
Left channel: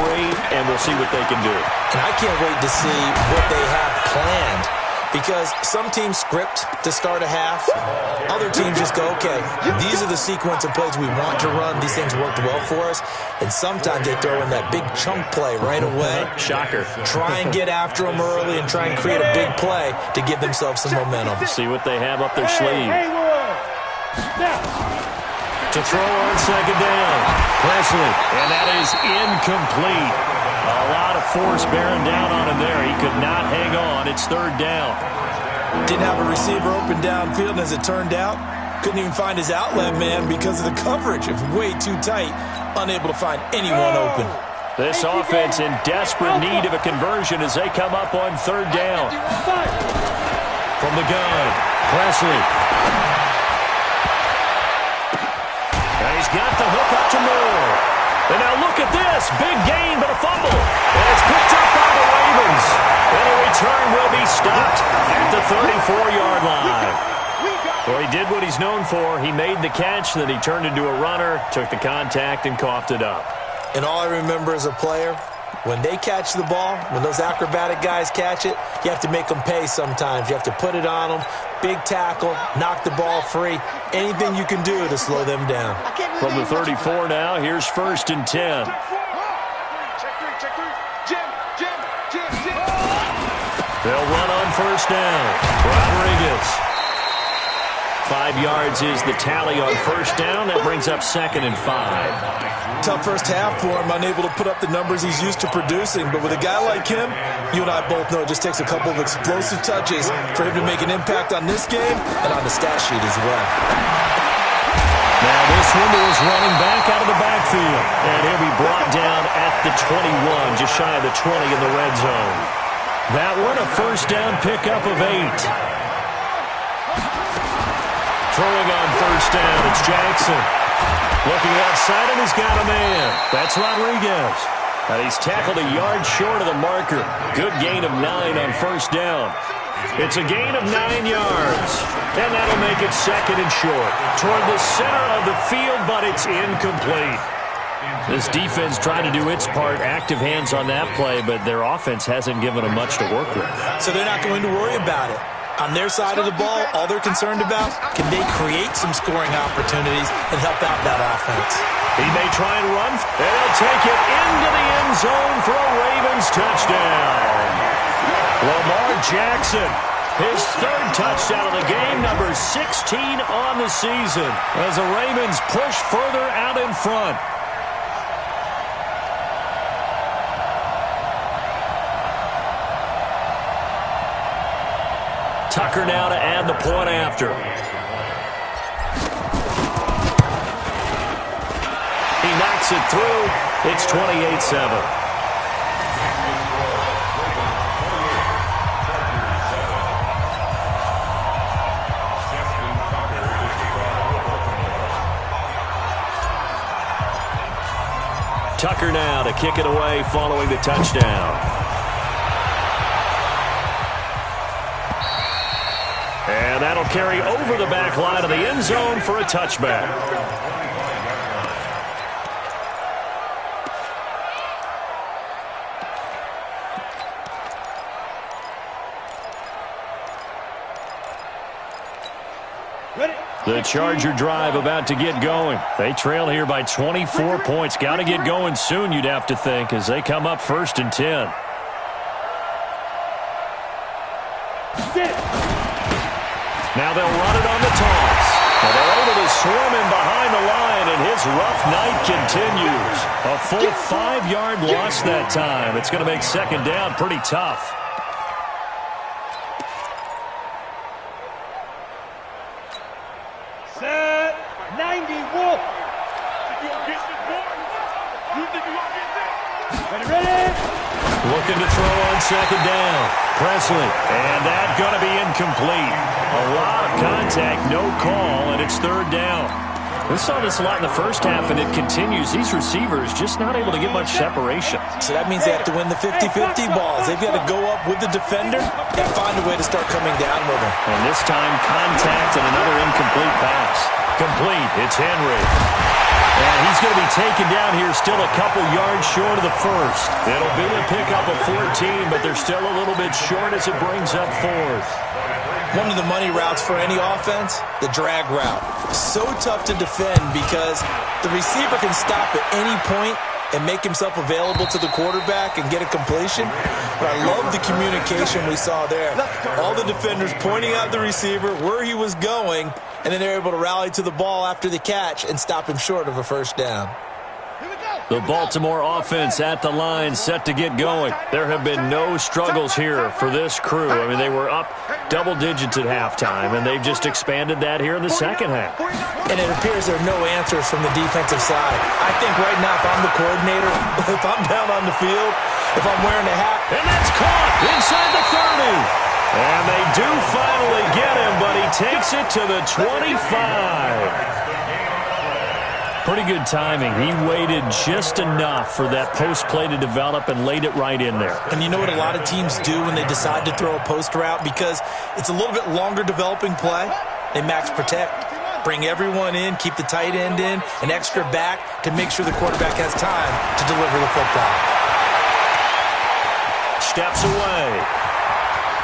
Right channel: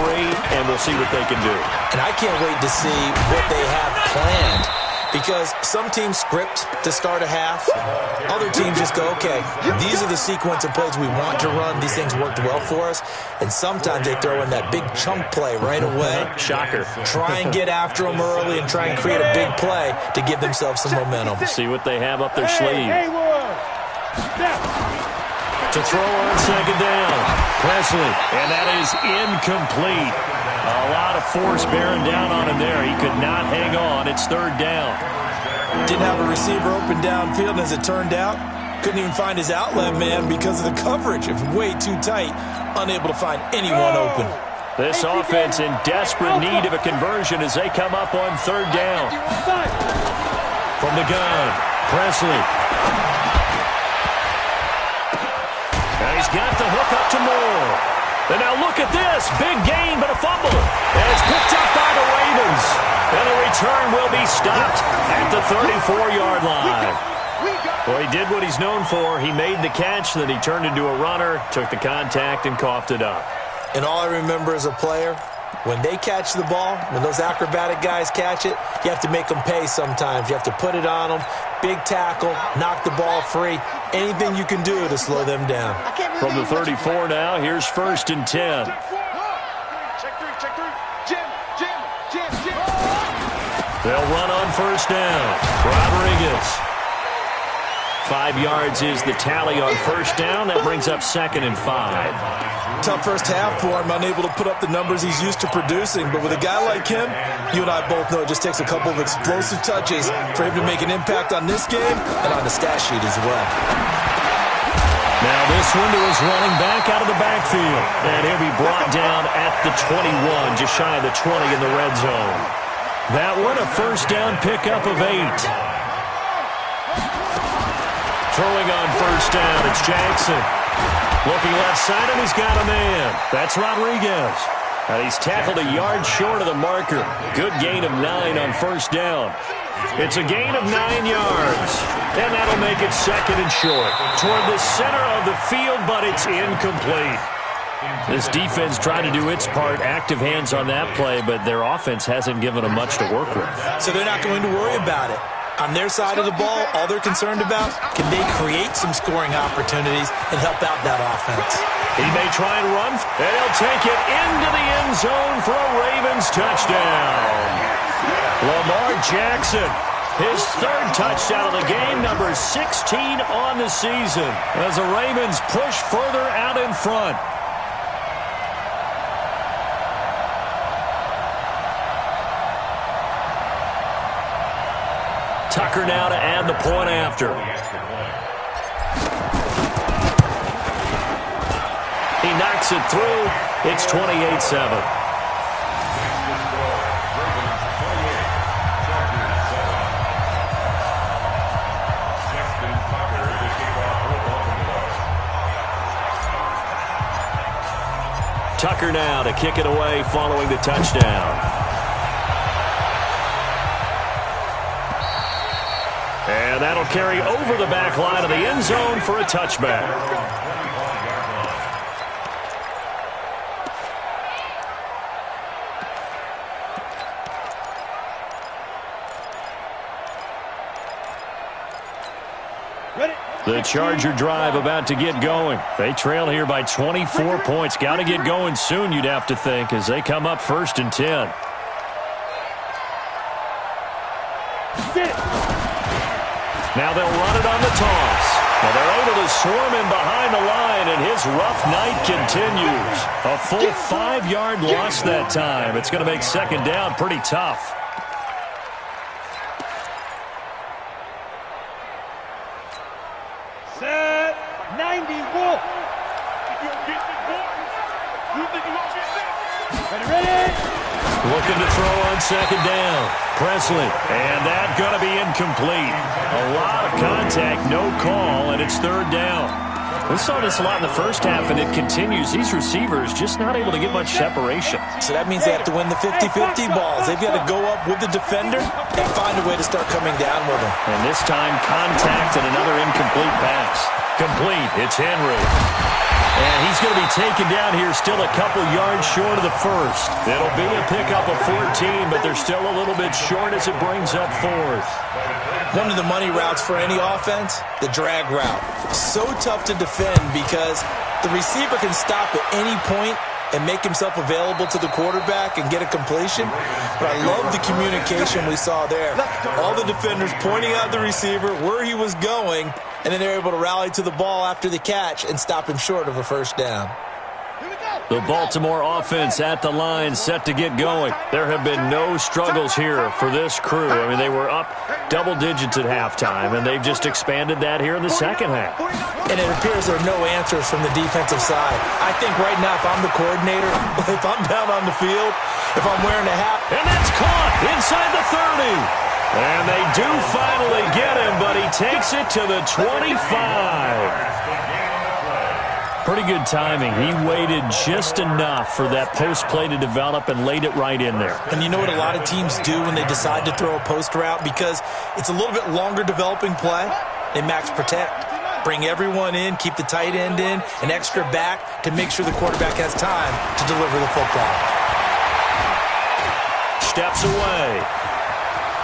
and we'll see what they can do. And I can't wait to see what they have planned, because some teams script to start a half. Other teams just go, okay, these are the sequence of plays we want to run. These things worked well for us. And sometimes they throw in that big chunk play right away. Shocker. Try and get after them early and try and create a big play to give themselves some momentum. See what they have up their sleeve. To throw on 2nd down. Presley, and that is incomplete. A lot of force bearing down on him there. He could not hang on. It's 3rd down. Didn't have a receiver open downfield, and as it turned out, couldn't even find his outlet man because of the coverage. It was way too tight, unable to find anyone open. This offense in desperate need of a conversion as they come up on 3rd down. From the gun, Presley. And he's got the hook up to Moore. And now look at this. Big gain, but a fumble. And it's picked up by the Ravens. And a return will be stopped at the 34-yard line. Well, he did what he's known for. He made the catch, then he turned into a runner, took the contact, and coughed it up. And all I remember as a player, when they catch the ball, when those acrobatic guys catch it, you have to make them pay sometimes. You have to put it on them, big tackle, knock the ball free, anything you can do to slow them down. From the 34 now, here's 1st and 10. Check three. Jim. They'll run on 1st down. Rodriguez. 5 yards is the tally on 1st down. That brings up 2nd and 5. Tough first half for him, unable to put up the numbers he's used to producing. But with a guy like him, you and I both know it just takes a couple of explosive touches for him to make an impact on this game and on the stat sheet as well. Now this one to his running back out of the backfield. And he'll be brought down at the 21, just shy of the 20 in the red zone. That one a 1st down pickup of 8. Throwing on 1st down, it's Jackson. Looking left side, and he's got a man. That's Rodriguez. And he's tackled a yard short of the marker. Good gain of 9 on 1st down. It's a gain of 9 yards. And that'll make it 2nd and short. Toward the center of the field, but it's incomplete. This defense trying to do its part, active hands on that play, but their offense hasn't given them much to work with. So they're not going to worry about it. On their side of the ball, all they're concerned about, can they create some scoring opportunities and help out that offense? He may try and run, and he'll take it into the end zone for a Ravens touchdown. Lamar Jackson, his 3rd touchdown of the game, number 16 on the season, as the Ravens push further out in front. Tucker now to add the point after. He knocks it through. It's 28-7. Tucker now to kick it away following the touchdown. And that'll carry over the back line of the end zone for a touchback. The Charger drive about to get going. They trail here by 24 points. Got to get going soon, you'd have to think, as they come up 1st and 10. Now they'll run it on the toss. Now they're able to swarm him behind the line, and his rough night continues. A full 5-yard loss that time. It's going to make 2nd down pretty tough. Set 90 Wolf. Ready? Looking to throw on 2nd down. Presley. And that going to be incomplete. A lot of contact, no call, and it's 3rd down. We saw this a lot in the first half, and it continues. These receivers just not able to get much separation. So that means they have to win the 50-50 balls. They've got to go up with the defender and find a way to start coming down with him. And this time, contact and another incomplete pass. Complete. It's Henry. And he's going to be taken down here still a couple yards short of the first. It'll be a pickup of 14, but they're still a little bit short as it brings up 4th. One of the money routes for any offense, the drag route. So tough to defend because the receiver can stop at any point and make himself available to the quarterback and get a completion. But I love the communication we saw there. All the defenders pointing out the receiver, where he was going, and then they're able to rally to the ball after the catch and stop him short of a 1st down. The Baltimore offense at the line set to get going. There have been no struggles here for this crew. I mean, they were up double digits at halftime, and they've just expanded that here in the second half. And it appears there are no answers from the defensive side. I think right now, if I'm the coordinator, if I'm down on the field, if I'm wearing a hat. And that's caught inside the 30. And they do finally get him, but he takes it to the 25. Pretty good timing. He waited just enough for that post play to develop and laid it right in there. And you know what a lot of teams do when they decide to throw a post route? Because it's a little bit longer developing play. They max protect. Bring everyone in, keep the tight end in, an extra back to make sure the quarterback has time to deliver the football. Steps away.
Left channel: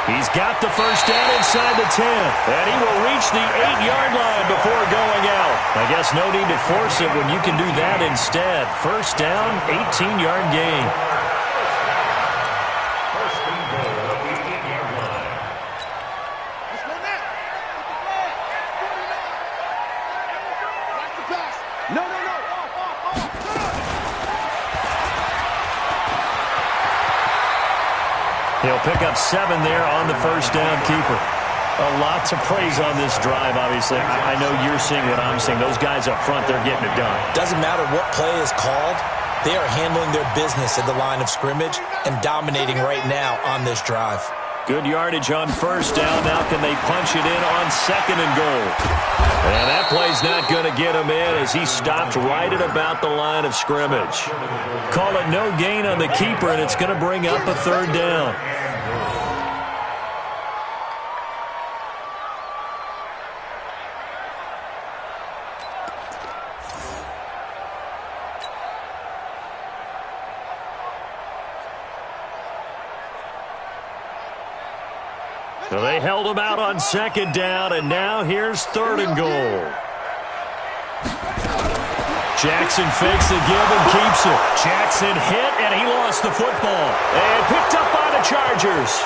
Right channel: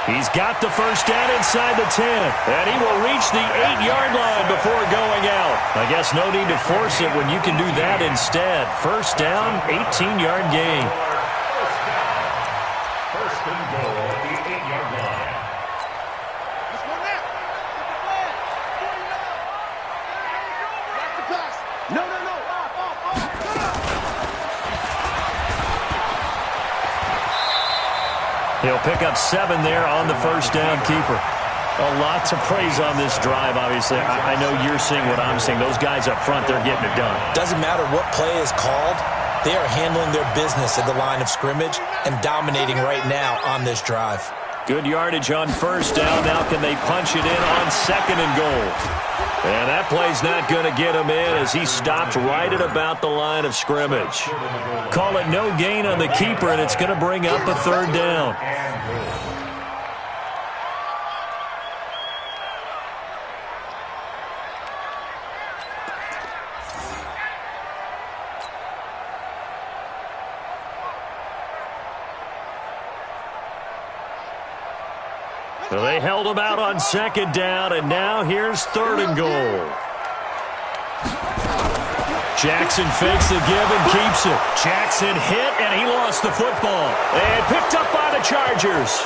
He's got the 1st down inside the 10, and he will reach the 8-yard line before going out. I guess no need to force it when you can do that instead. 1st down, 18-yard gain. 1st and goal at the 8-yard line. Let's go now. Get the flag. 49. Back to pass. No. Off. He'll pick up 7 there on the 1st down keeper. A lot to praise on this drive, obviously. I know you're seeing what I'm seeing. Those guys up front, they're getting it done. Doesn't matter what play is called. They are handling their business at the line of scrimmage and dominating right now on this drive. Good yardage on 1st down. Now can they punch it in on 2nd and goal? And that play's not going to get him in as he stopped right at about the line of scrimmage. Call it no gain on the keeper, and it's going to bring up a 3rd down. So they held him out on 2nd down, and now here's 3rd and goal. Jackson fakes the give and keeps it. Jackson hit, and he lost the football. And picked up by the Chargers.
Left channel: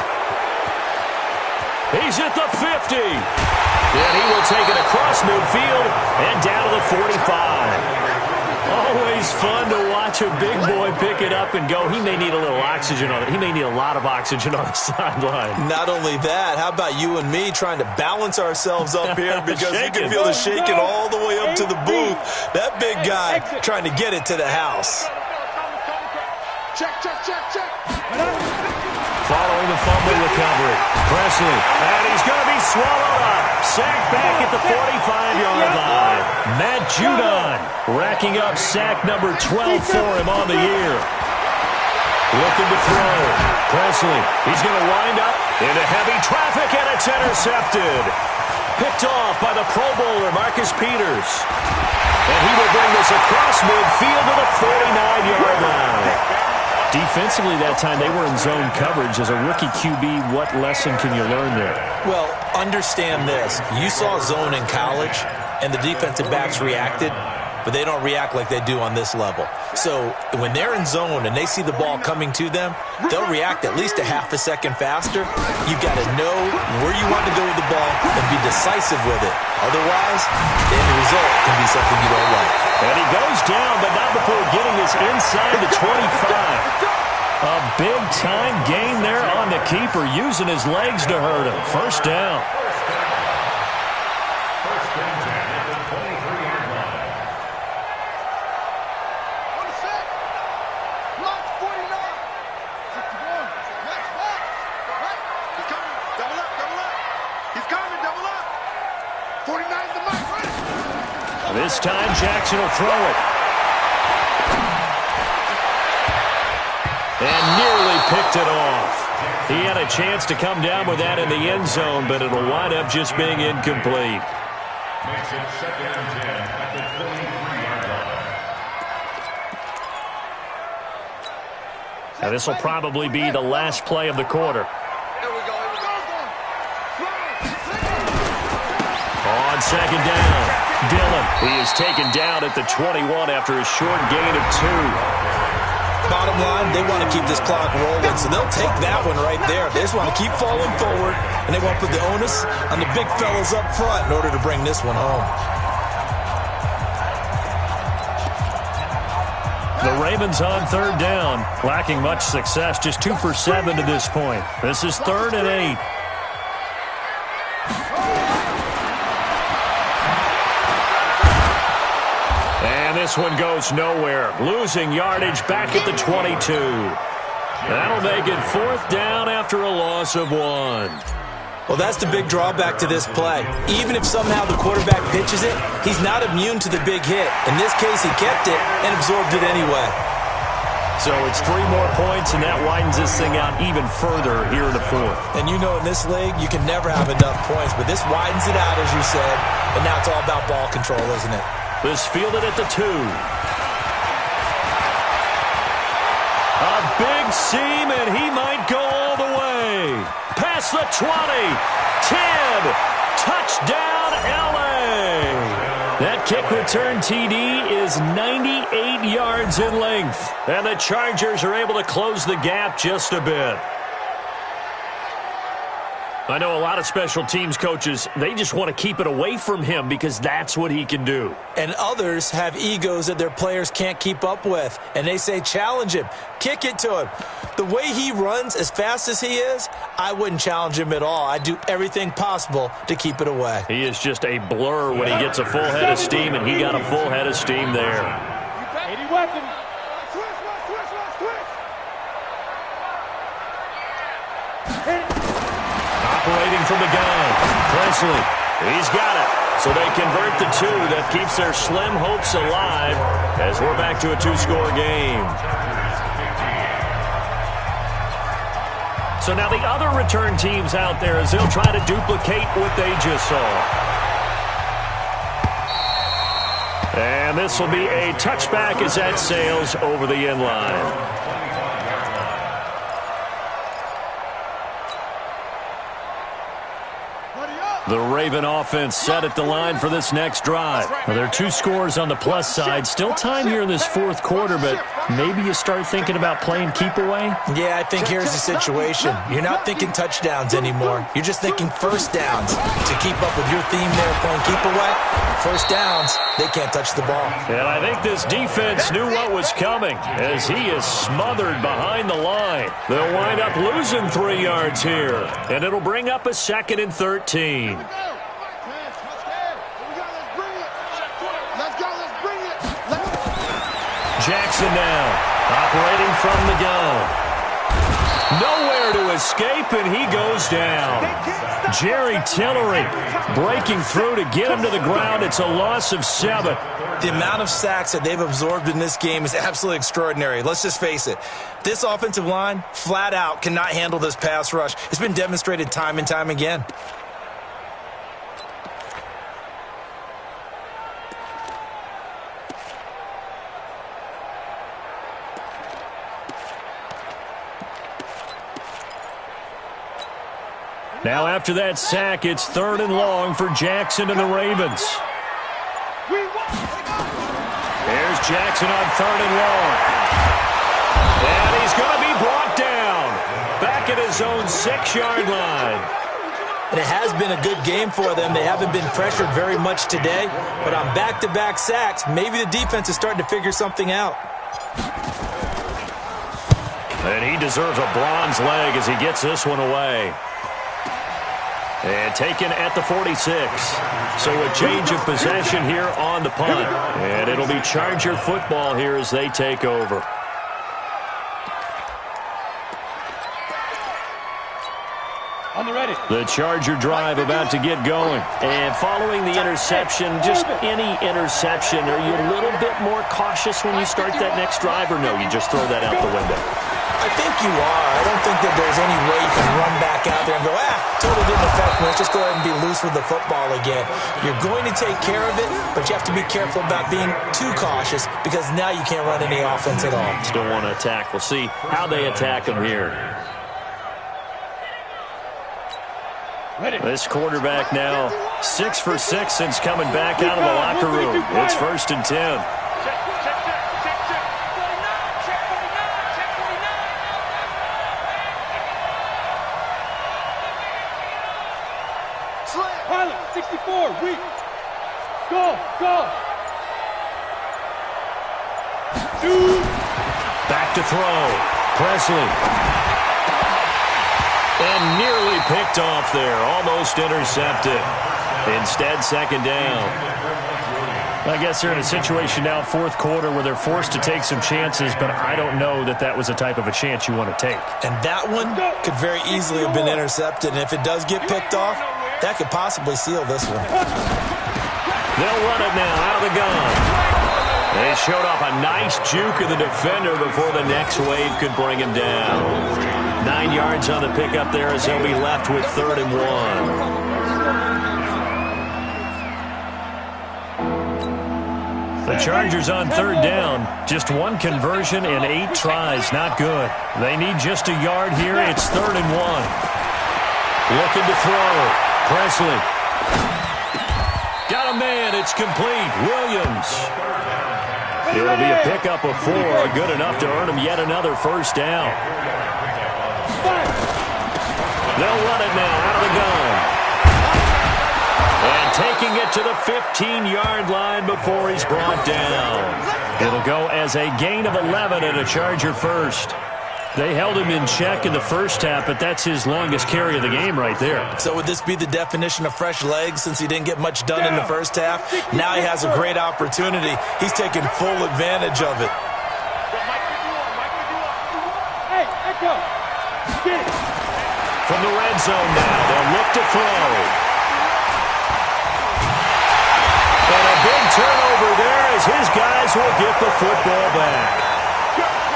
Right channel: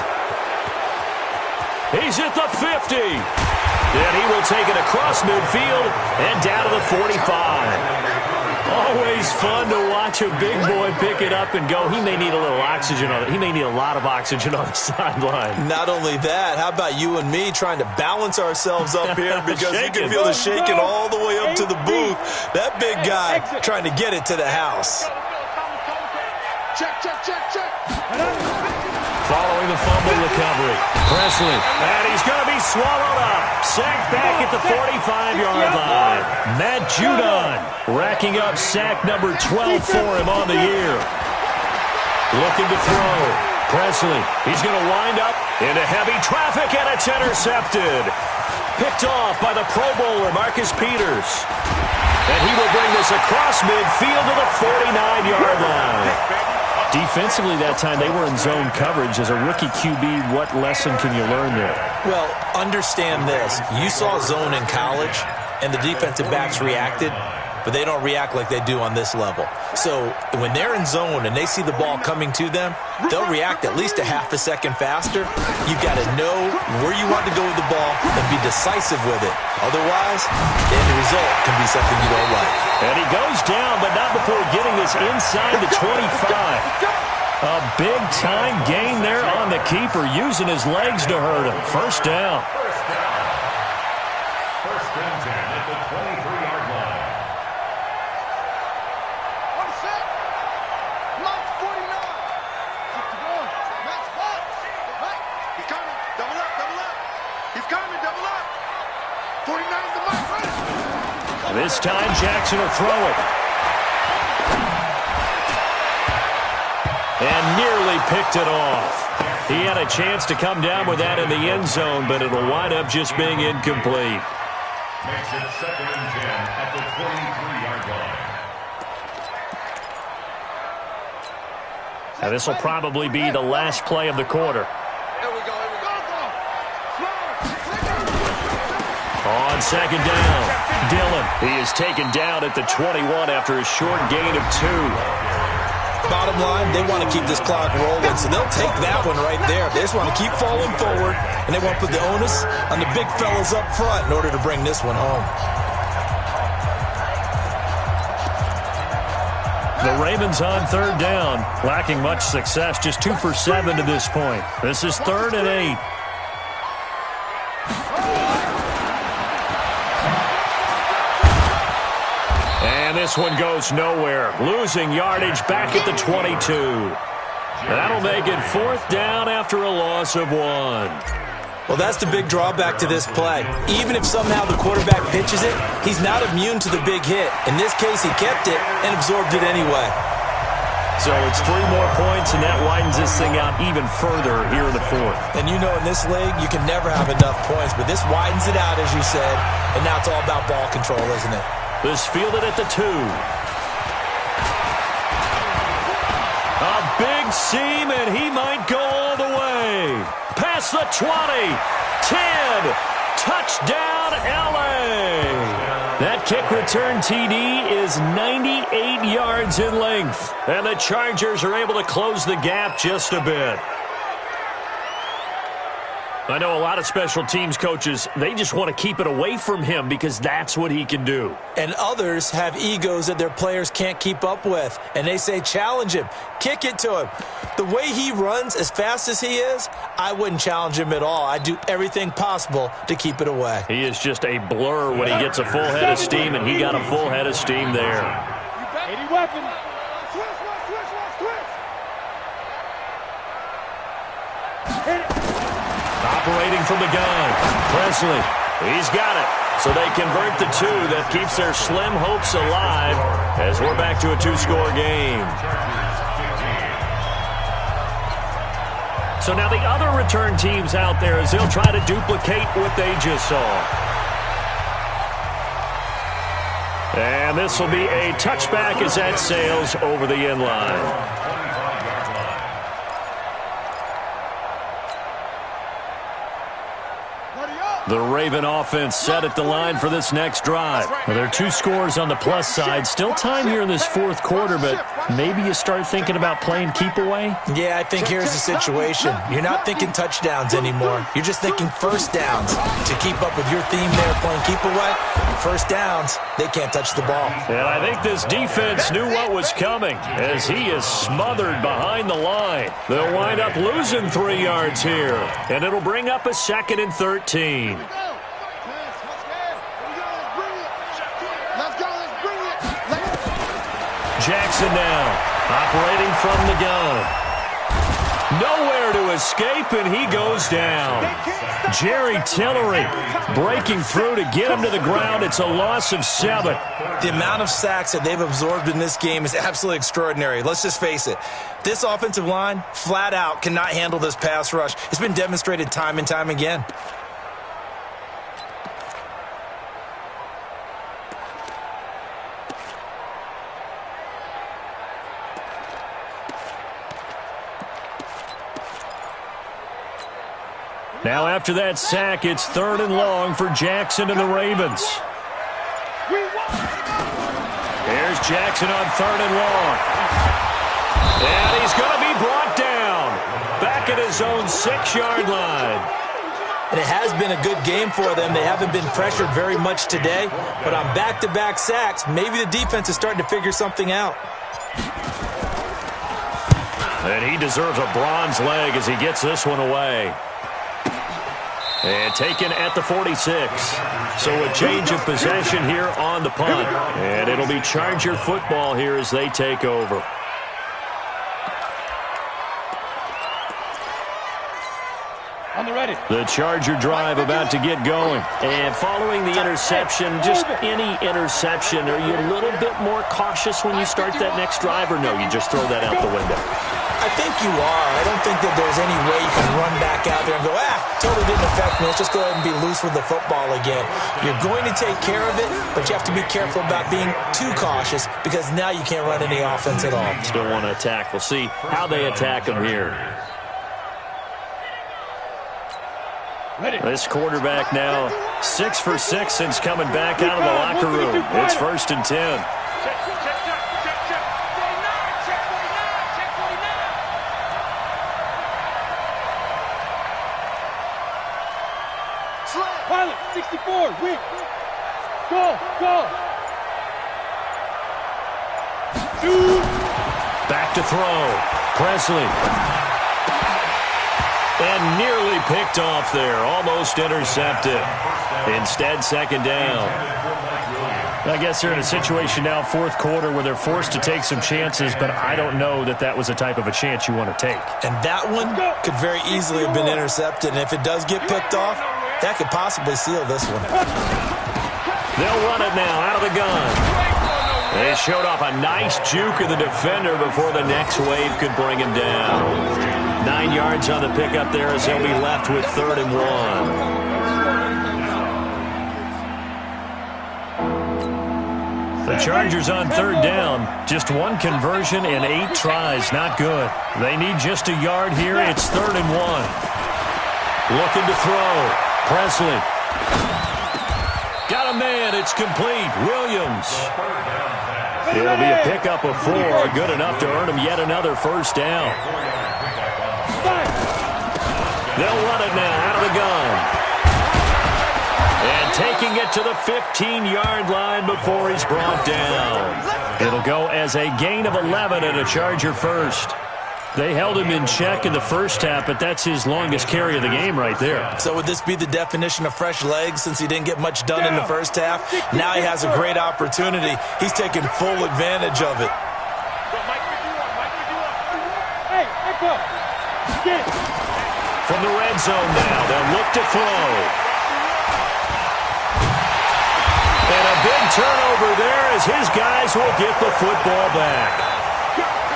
He's at the 50. And he will take it across midfield and down to the 45. Always fun to watch a big boy pick it up and go. He may need a little oxygen on it. He may need a lot of oxygen on the sideline. Not only that, how about you and me trying to balance ourselves up here because you can feel the shaking all the way up to the booth. That big guy trying to get it to the house. Check. Following the fumble recovery. Presley, and he's going to be swallowed up. Sacked back at the 45-yard line. Matt Judon racking up sack number 12 for him on the year. Looking to throw. Presley, he's going to wind up into heavy traffic, and it's intercepted. Picked off by the Pro Bowler, Marcus Peters. And he will bring this across midfield to the 49-yard line. Defensively that time, they were in zone coverage. As a rookie QB, what lesson can you learn there? Well, understand this. You saw zone in college, and the defensive backs reacted, but they don't react like they do on this level. So when they're in zone and they see the ball coming to them, they'll react at least a half a second faster. You've got to know where you want to go with the ball and be decisive with it. Otherwise, the end result can be something you don't like. And he goes down, but not before getting this inside the 25. A big-time gain there on the keeper, using his legs to hurt him. First down. First and 10 at the 23-yard line. On the set. Max 49. 61. Max box. Right. He's coming. Double up, double up. He's coming, double up. 49's the mic. Run it. This time, Jackson will throw it. And nearly picked it off. He had a chance to come down with that in the end zone, but it'll wind up just being incomplete. Makes it 2nd and 10 at the 23-yard line. Now, this will probably be the last play of the quarter. Here we go, here we go. On second down, Dillon. He is taken down at the 21 after a short gain of 2. Bottom line, they want to keep this clock rolling, so they'll take that one right there. They just want to keep falling forward, and they want to put the onus on the big fellas up front in order to bring this one home. The Ravens on third down, lacking much success, just 2 for 7 to this point. This is 3rd and 8. And this one goes nowhere, losing yardage back at the 22. That'll make it 4th down after a loss of 1. Well, that's the big drawback to this play. Even if somehow the quarterback pitches it, he's not immune to the big hit. In this case, he kept it and absorbed it anyway. So it's 3 more points, and that widens this thing out even further here in the 4th. And you know in this league, you can never have enough points, but this widens it out, as you said, and now it's all about ball control, isn't it? This fielded at the 2. A big seam, and he might go all the way. Past the 20. 10. Touchdown, L.A. That kick return TD is 98 yards in length. And the Chargers are able to close the gap just a bit. I know a lot of special teams coaches, they just want to keep it away from him because that's what he can do. And others have egos that their players can't keep up with. And they say, challenge him. Kick it to him. The way he runs as fast as he is, I wouldn't challenge him at all. I'd do everything possible to keep it away. He is just a blur when he gets a full head of steam, and he got a full head of steam there. 80 weapon. Switch. Hit it. Operating from the gun, Presley, he's got it. So they convert the 2. That keeps their slim hopes alive as we're back to a 2-score game. So now the other return teams out there as they'll try to duplicate what they just saw. And this will be a touchback as that sails over the end line. The Raven offense set at the line for this next drive. Now, there are 2 scores on the plus side. Still time here in this 4th quarter, but maybe you start thinking about playing keep away? Yeah, I think here's the situation. You're not thinking touchdowns anymore. You're just thinking first downs. To keep up with your theme there, playing keep away, first downs, they can't touch the ball. And I think this defense knew what was coming as he is smothered behind the line. They'll wind up losing 3 yards here, and it'll bring up a 2nd and 13. Let's go. Let's bring it. Jackson now, operating from the gun. Nowhere to escape, and he goes down. Jerry Tillery breaking through to get him to the ground. It's a loss of 7. The amount of sacks that they've absorbed in this game is absolutely extraordinary. Let's just face it. This offensive line, flat out, cannot handle this pass rush. It's been demonstrated time and time again. Now after that sack, it's 3rd and long for Jackson and the Ravens. Here's Jackson on 3rd and long. And he's going to be brought down. Back at his own 6-yard line. And it has been a good game for them. They haven't been pressured very much today. But on back-to-back sacks, maybe the defense is starting to figure something out. And he deserves a bronze leg as he gets this one away. And taken at the 46. So a change of possession here on the punt. And it'll be Charger football here as they take over. On the ready. The Charger drive about to get going. And following the interception, just any interception, are you a little bit more cautious when you start that next drive, or no, you just throw that out the window? I think you are. I don't think that there's any way you can run back out there and go, totally didn't affect me. Let's just go ahead and be loose with the football again. You're going to take care of it, but you have to be careful about being too cautious because now you can't run any offense at all. Still want to attack. We'll see how they attack them here. This quarterback now 6 for 6 since coming back out of the locker room. It's 1st and 10. Pilot, 64, weak. Go. Shoot. Back to throw. Presley. And nearly picked off there. Almost intercepted. Instead, 2nd down. I guess they're in a situation now, 4th quarter, where they're forced to take some chances, but I don't know that that was a type of a chance you want to take. And that one could very easily have been intercepted. And if it does get picked off, that could possibly seal this one. They'll run it now out of the gun. They showed off a nice juke of the defender before the next wave could bring him down. 9 yards on the pickup there as they'll be left with 3rd and 1. The Chargers on 3rd down. Just 1 conversion and 8 tries. Not good. They need just a yard here. It's 3rd and 1. Looking to throw. Presley. Got a man. It's complete. Williams. It'll be a pickup of 4. Good enough to earn him yet another 1st down. They'll run it now out of the gun. And taking it to the 15-yard line before he's brought down. It'll go as a gain of 11 and a Charger first. They held him in check in the first half, but that's his longest carry of the game right there. So would this be the definition of fresh legs since he didn't get much done in the first half? Now he has a great opportunity. He's taking full advantage of it. Hey, Echo, get it. From the red zone now, they'll look to throw. And a big turnover there as his guys will get the football back.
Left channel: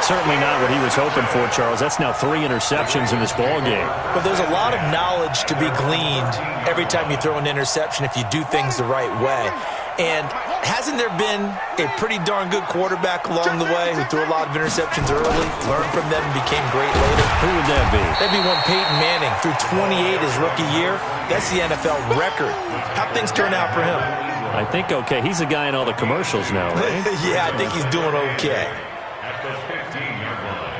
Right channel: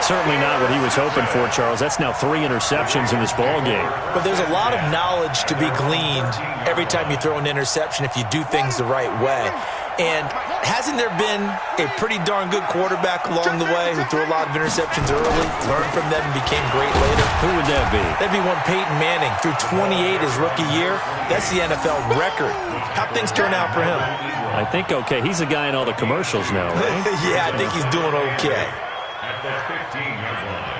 Certainly not what he was hoping for, Charles. That's now 3 interceptions in this ball game. But there's a lot of knowledge to be gleaned every time you throw an interception if you do things the right way. And hasn't there been a pretty darn good quarterback along the way who threw a lot of interceptions early, learned from them, and became great later? Who would that be? That'd be one Peyton Manning. Threw 28 his rookie year. That's the NFL record. How'd things turn out for him? I think okay. He's a guy in all the commercials now, right? Yeah, I think he's doing okay. At the 15-yard line.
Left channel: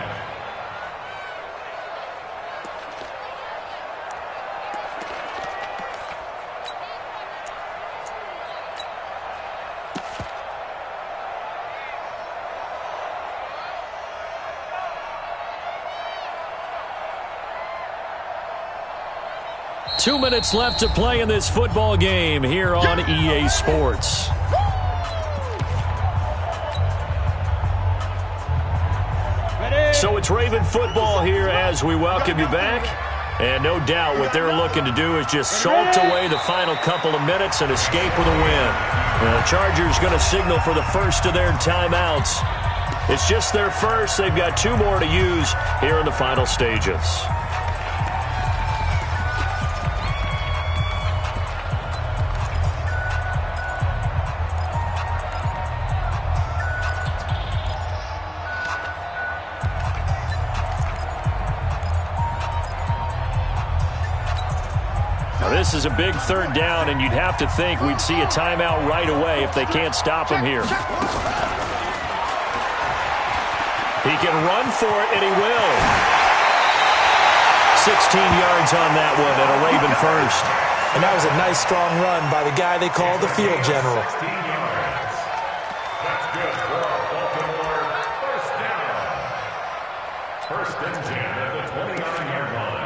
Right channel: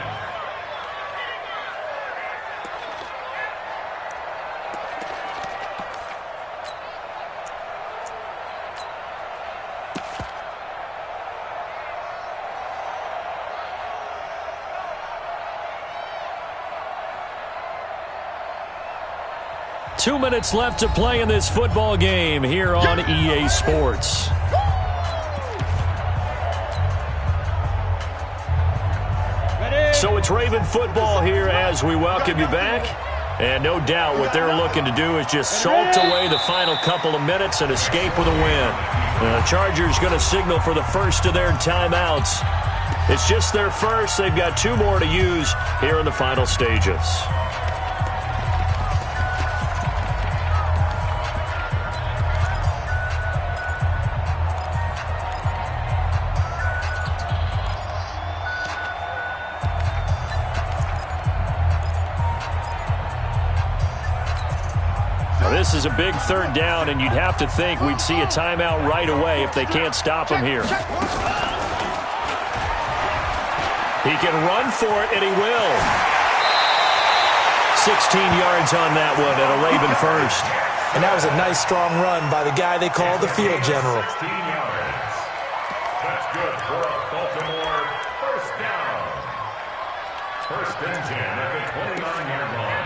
Two minutes left to play in this football game here on EA Sports. So it's It's Raven football here as we welcome you back. And no doubt what they're looking to do is just salt away the final couple of minutes and escape with a win. The Chargers going to signal for the first of their timeouts. It's just their first. They've got 2 more to use here in the final stages. Now this is a big 3rd down, and you'd have to think we'd see a timeout right away if they can't stop him here. He can run for it, and he will. 16 yards on that one, and a Raven first. And that was a nice, strong run by the guy they call the field general. 16 yards. That's good for Baltimore. First down. 1st and 10 at the 29-yard line.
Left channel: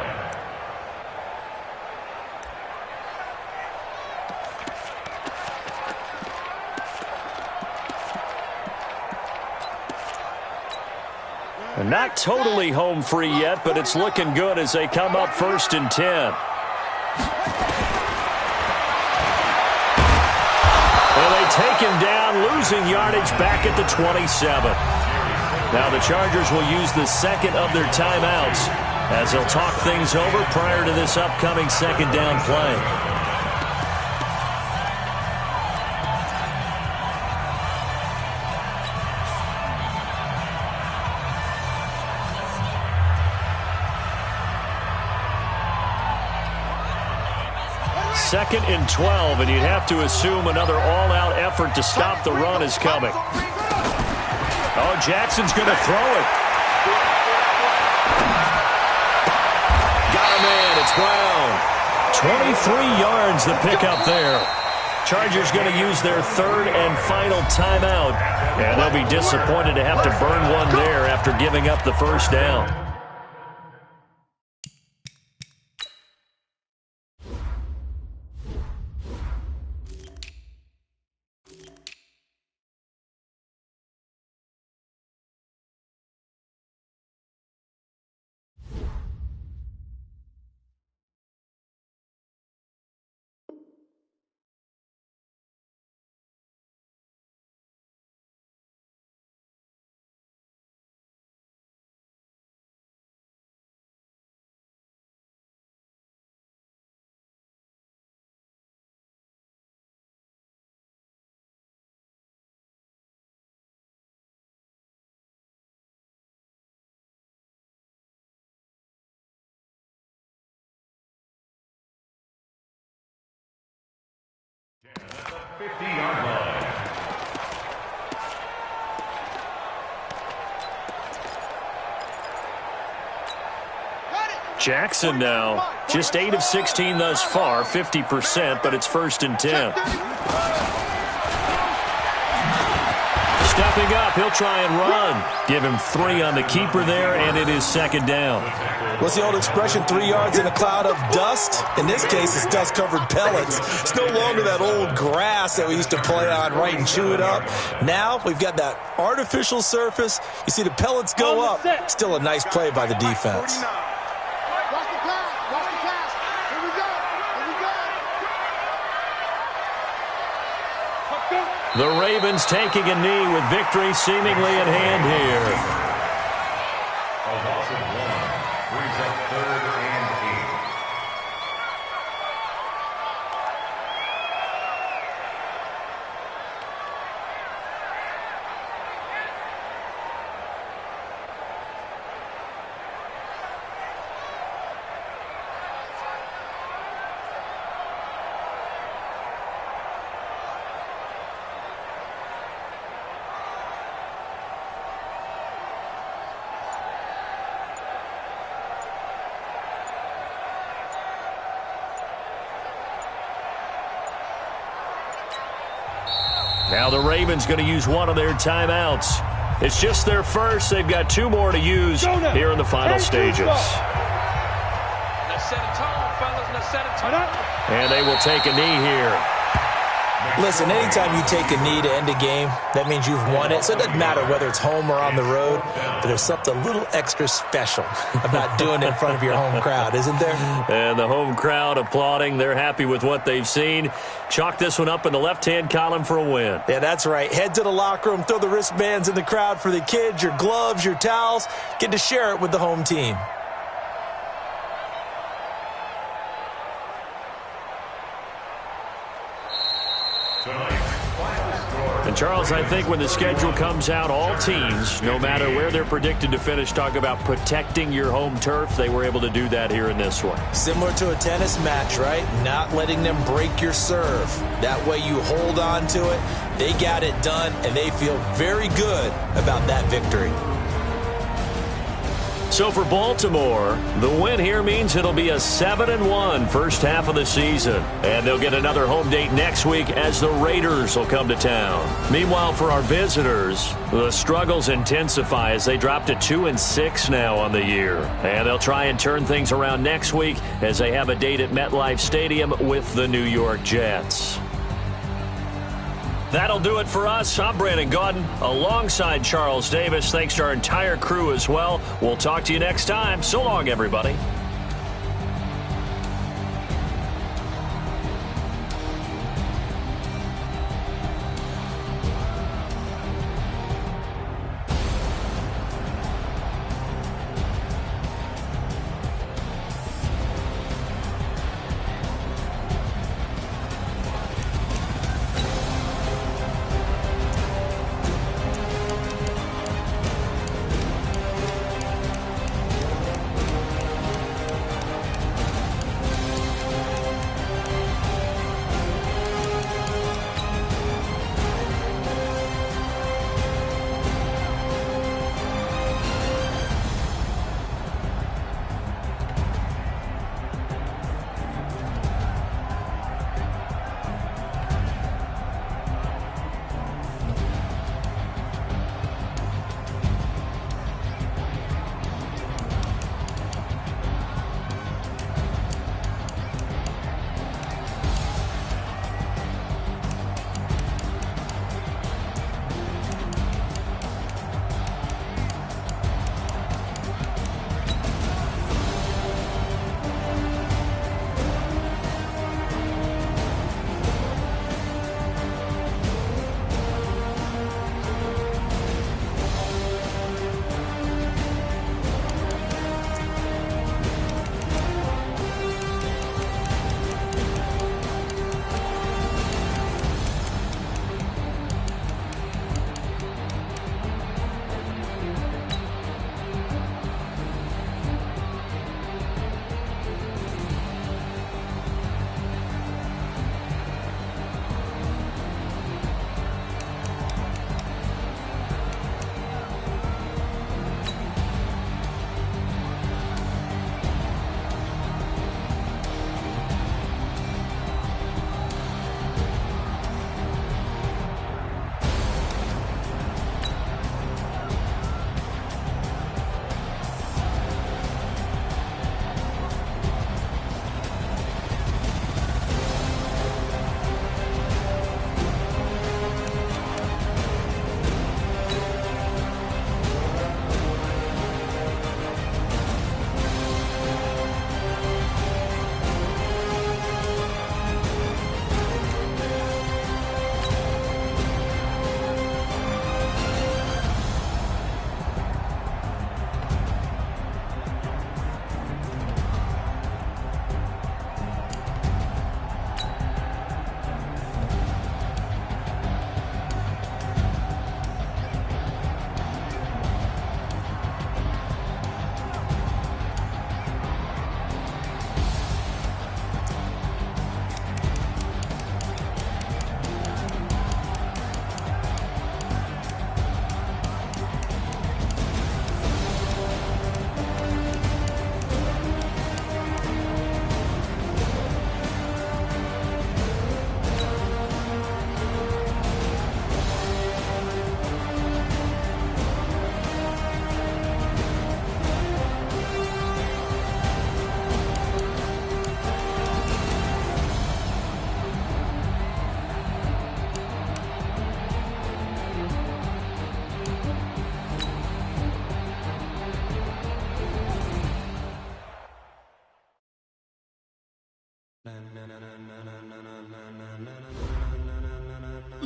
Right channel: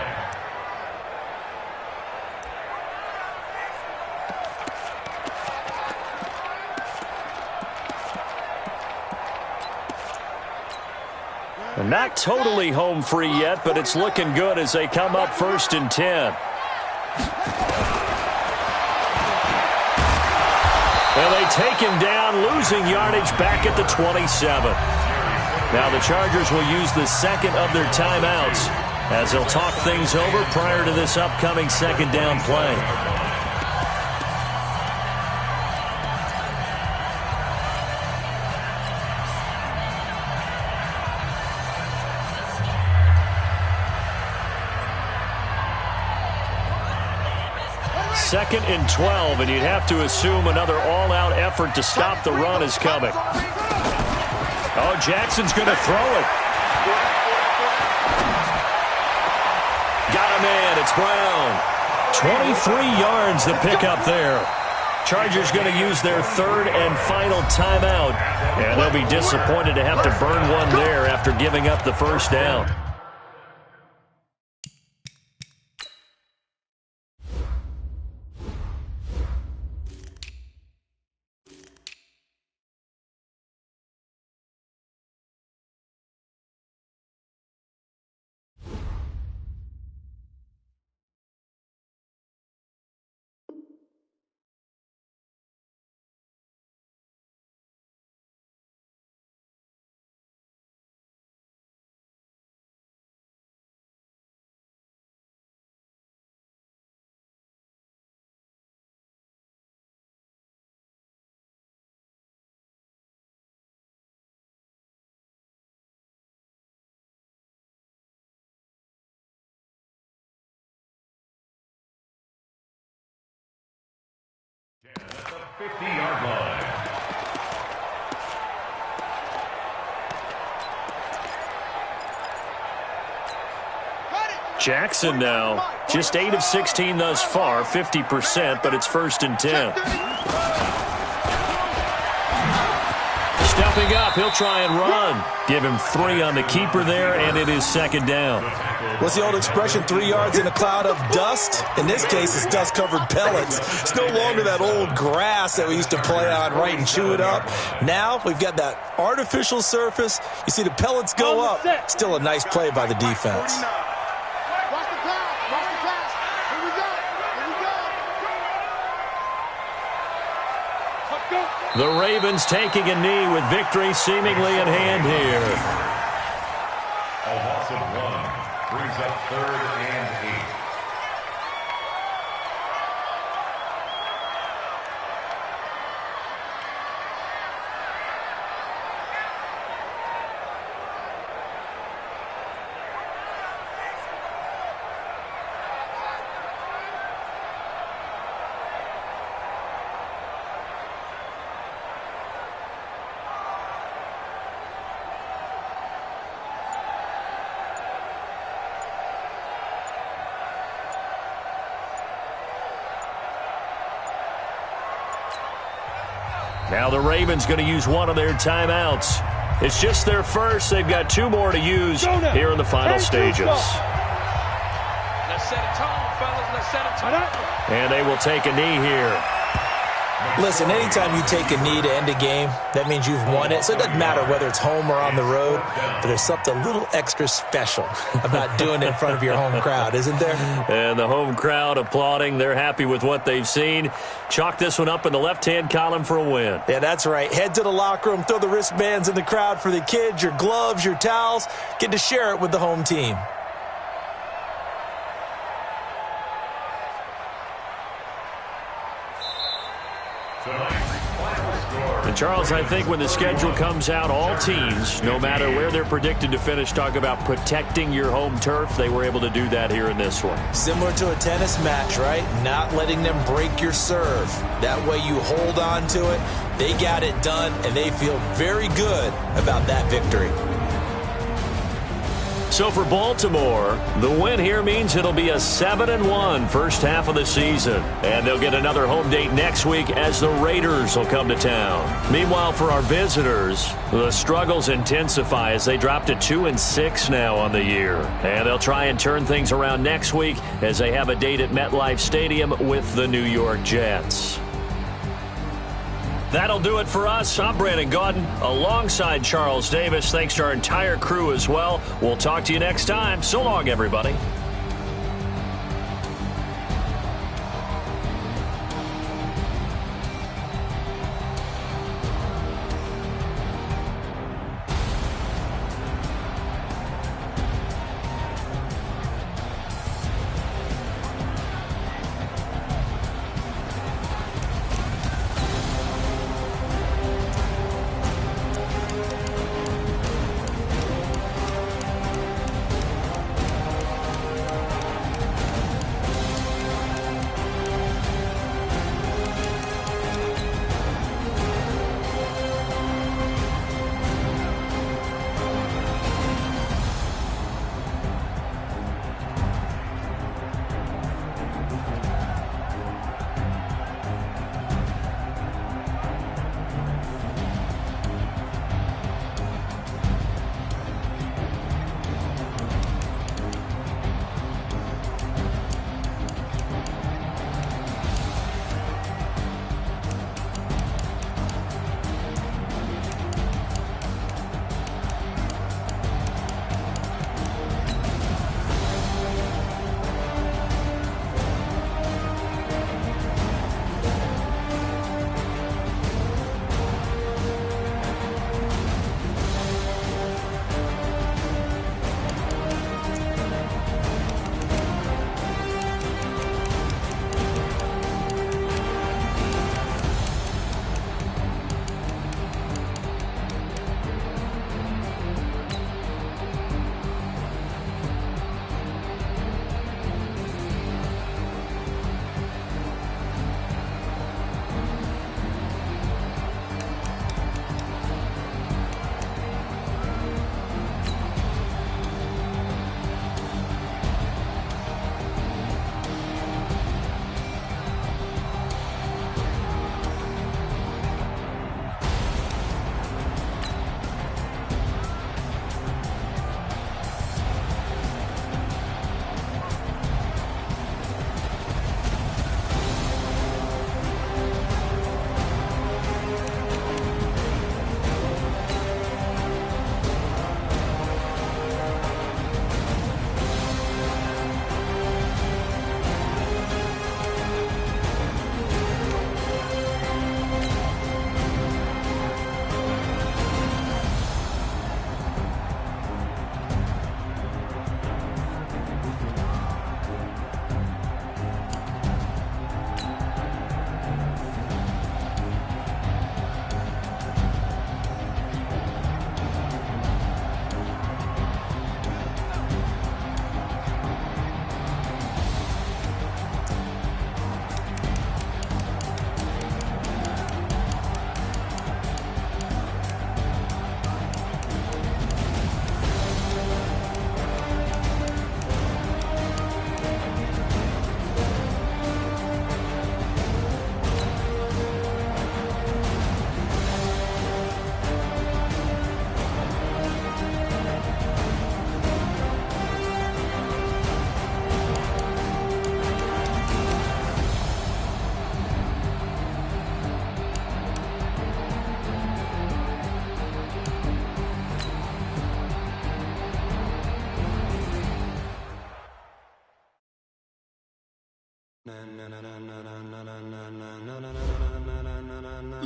And not totally home free yet, but it's looking good as they come up 1st and 10. And they take him down, losing yardage back at the 27. Now the Chargers will use the 2nd of their timeouts as they'll talk things over prior to this upcoming 2nd down play. Second and 12, and you'd have to assume another all-out effort to stop the run is coming. Oh, Jackson's going to throw it. Got a man. It's Brown. 23 yards the pickup there. Chargers going to use their 3rd and final timeout, and they'll be disappointed to have to burn one there after giving up the 1st down. At the 50-yard line. Jackson now, just 8 of 16 thus far, 50%, but it's 1st and 10. Stepping up, he'll try and run. Give him 3 on the keeper there, and it is 2nd down. What's the old expression, 3 yards in a cloud of dust? In this case, it's dust-covered pellets. It's no longer that old grass that we used to play on, right, and chew it up. Now we've got that artificial surface. You see the pellets go up. Still a nice play by the defense. Watch the pass. Watch the pass. Here we go. Here we go. The Ravens taking a knee with victory seemingly in hand here. A loss of 1 brings up 3rd and 8. Now the Ravens going to use one of their timeouts. It's just their first. They've got 2 more to use here in the final stages. Let's set a tone, fellas. Let's set a tone. And they will take a knee here. Listen, anytime you take a knee to end a game, that means you've won it. So it doesn't matter whether it's home or on the road, but there's something a little extra special about doing it in front of your home crowd, isn't there? And the home crowd applauding. They're happy with what they've seen. Chalk this one up in the left-hand column for a win. Yeah, that's right. Head to the locker room, throw the wristbands in the crowd for the kids, your gloves, your towels. Get to share it with the home team. And, Charles, I think when the schedule comes out, all teams, no matter where they're predicted to finish, talk about protecting your home turf. They were able to do that here in this one. Similar to a tennis match, right? Not letting them break your serve. That way you hold on to it. They got it done, and they feel very good about that victory. So for Baltimore, the win here means it'll be a 7-1 first half of the season. And they'll get another home date next week as the Raiders will come to town. Meanwhile, for our visitors, the struggles intensify as they drop to 2-6 now on the year. And they'll try and turn things around next week as they have a date at MetLife Stadium with the New York Jets. That'll do it for us. I'm Brandon Gaudin alongside Charles Davis. Thanks to our entire crew as well. We'll talk to you next time. So long, everybody.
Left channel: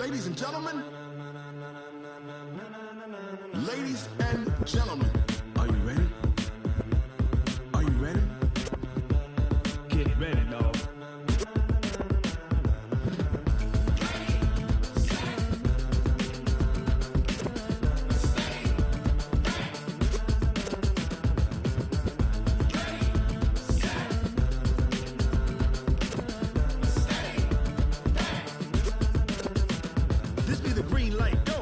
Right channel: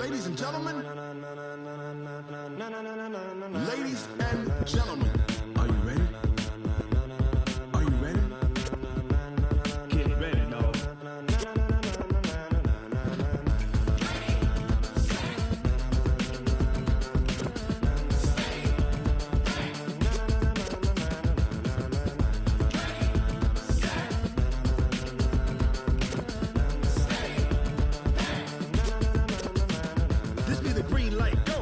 Ladies and gentlemen, are you ready? Are you ready? Get ready, dog. This be the green light. Go!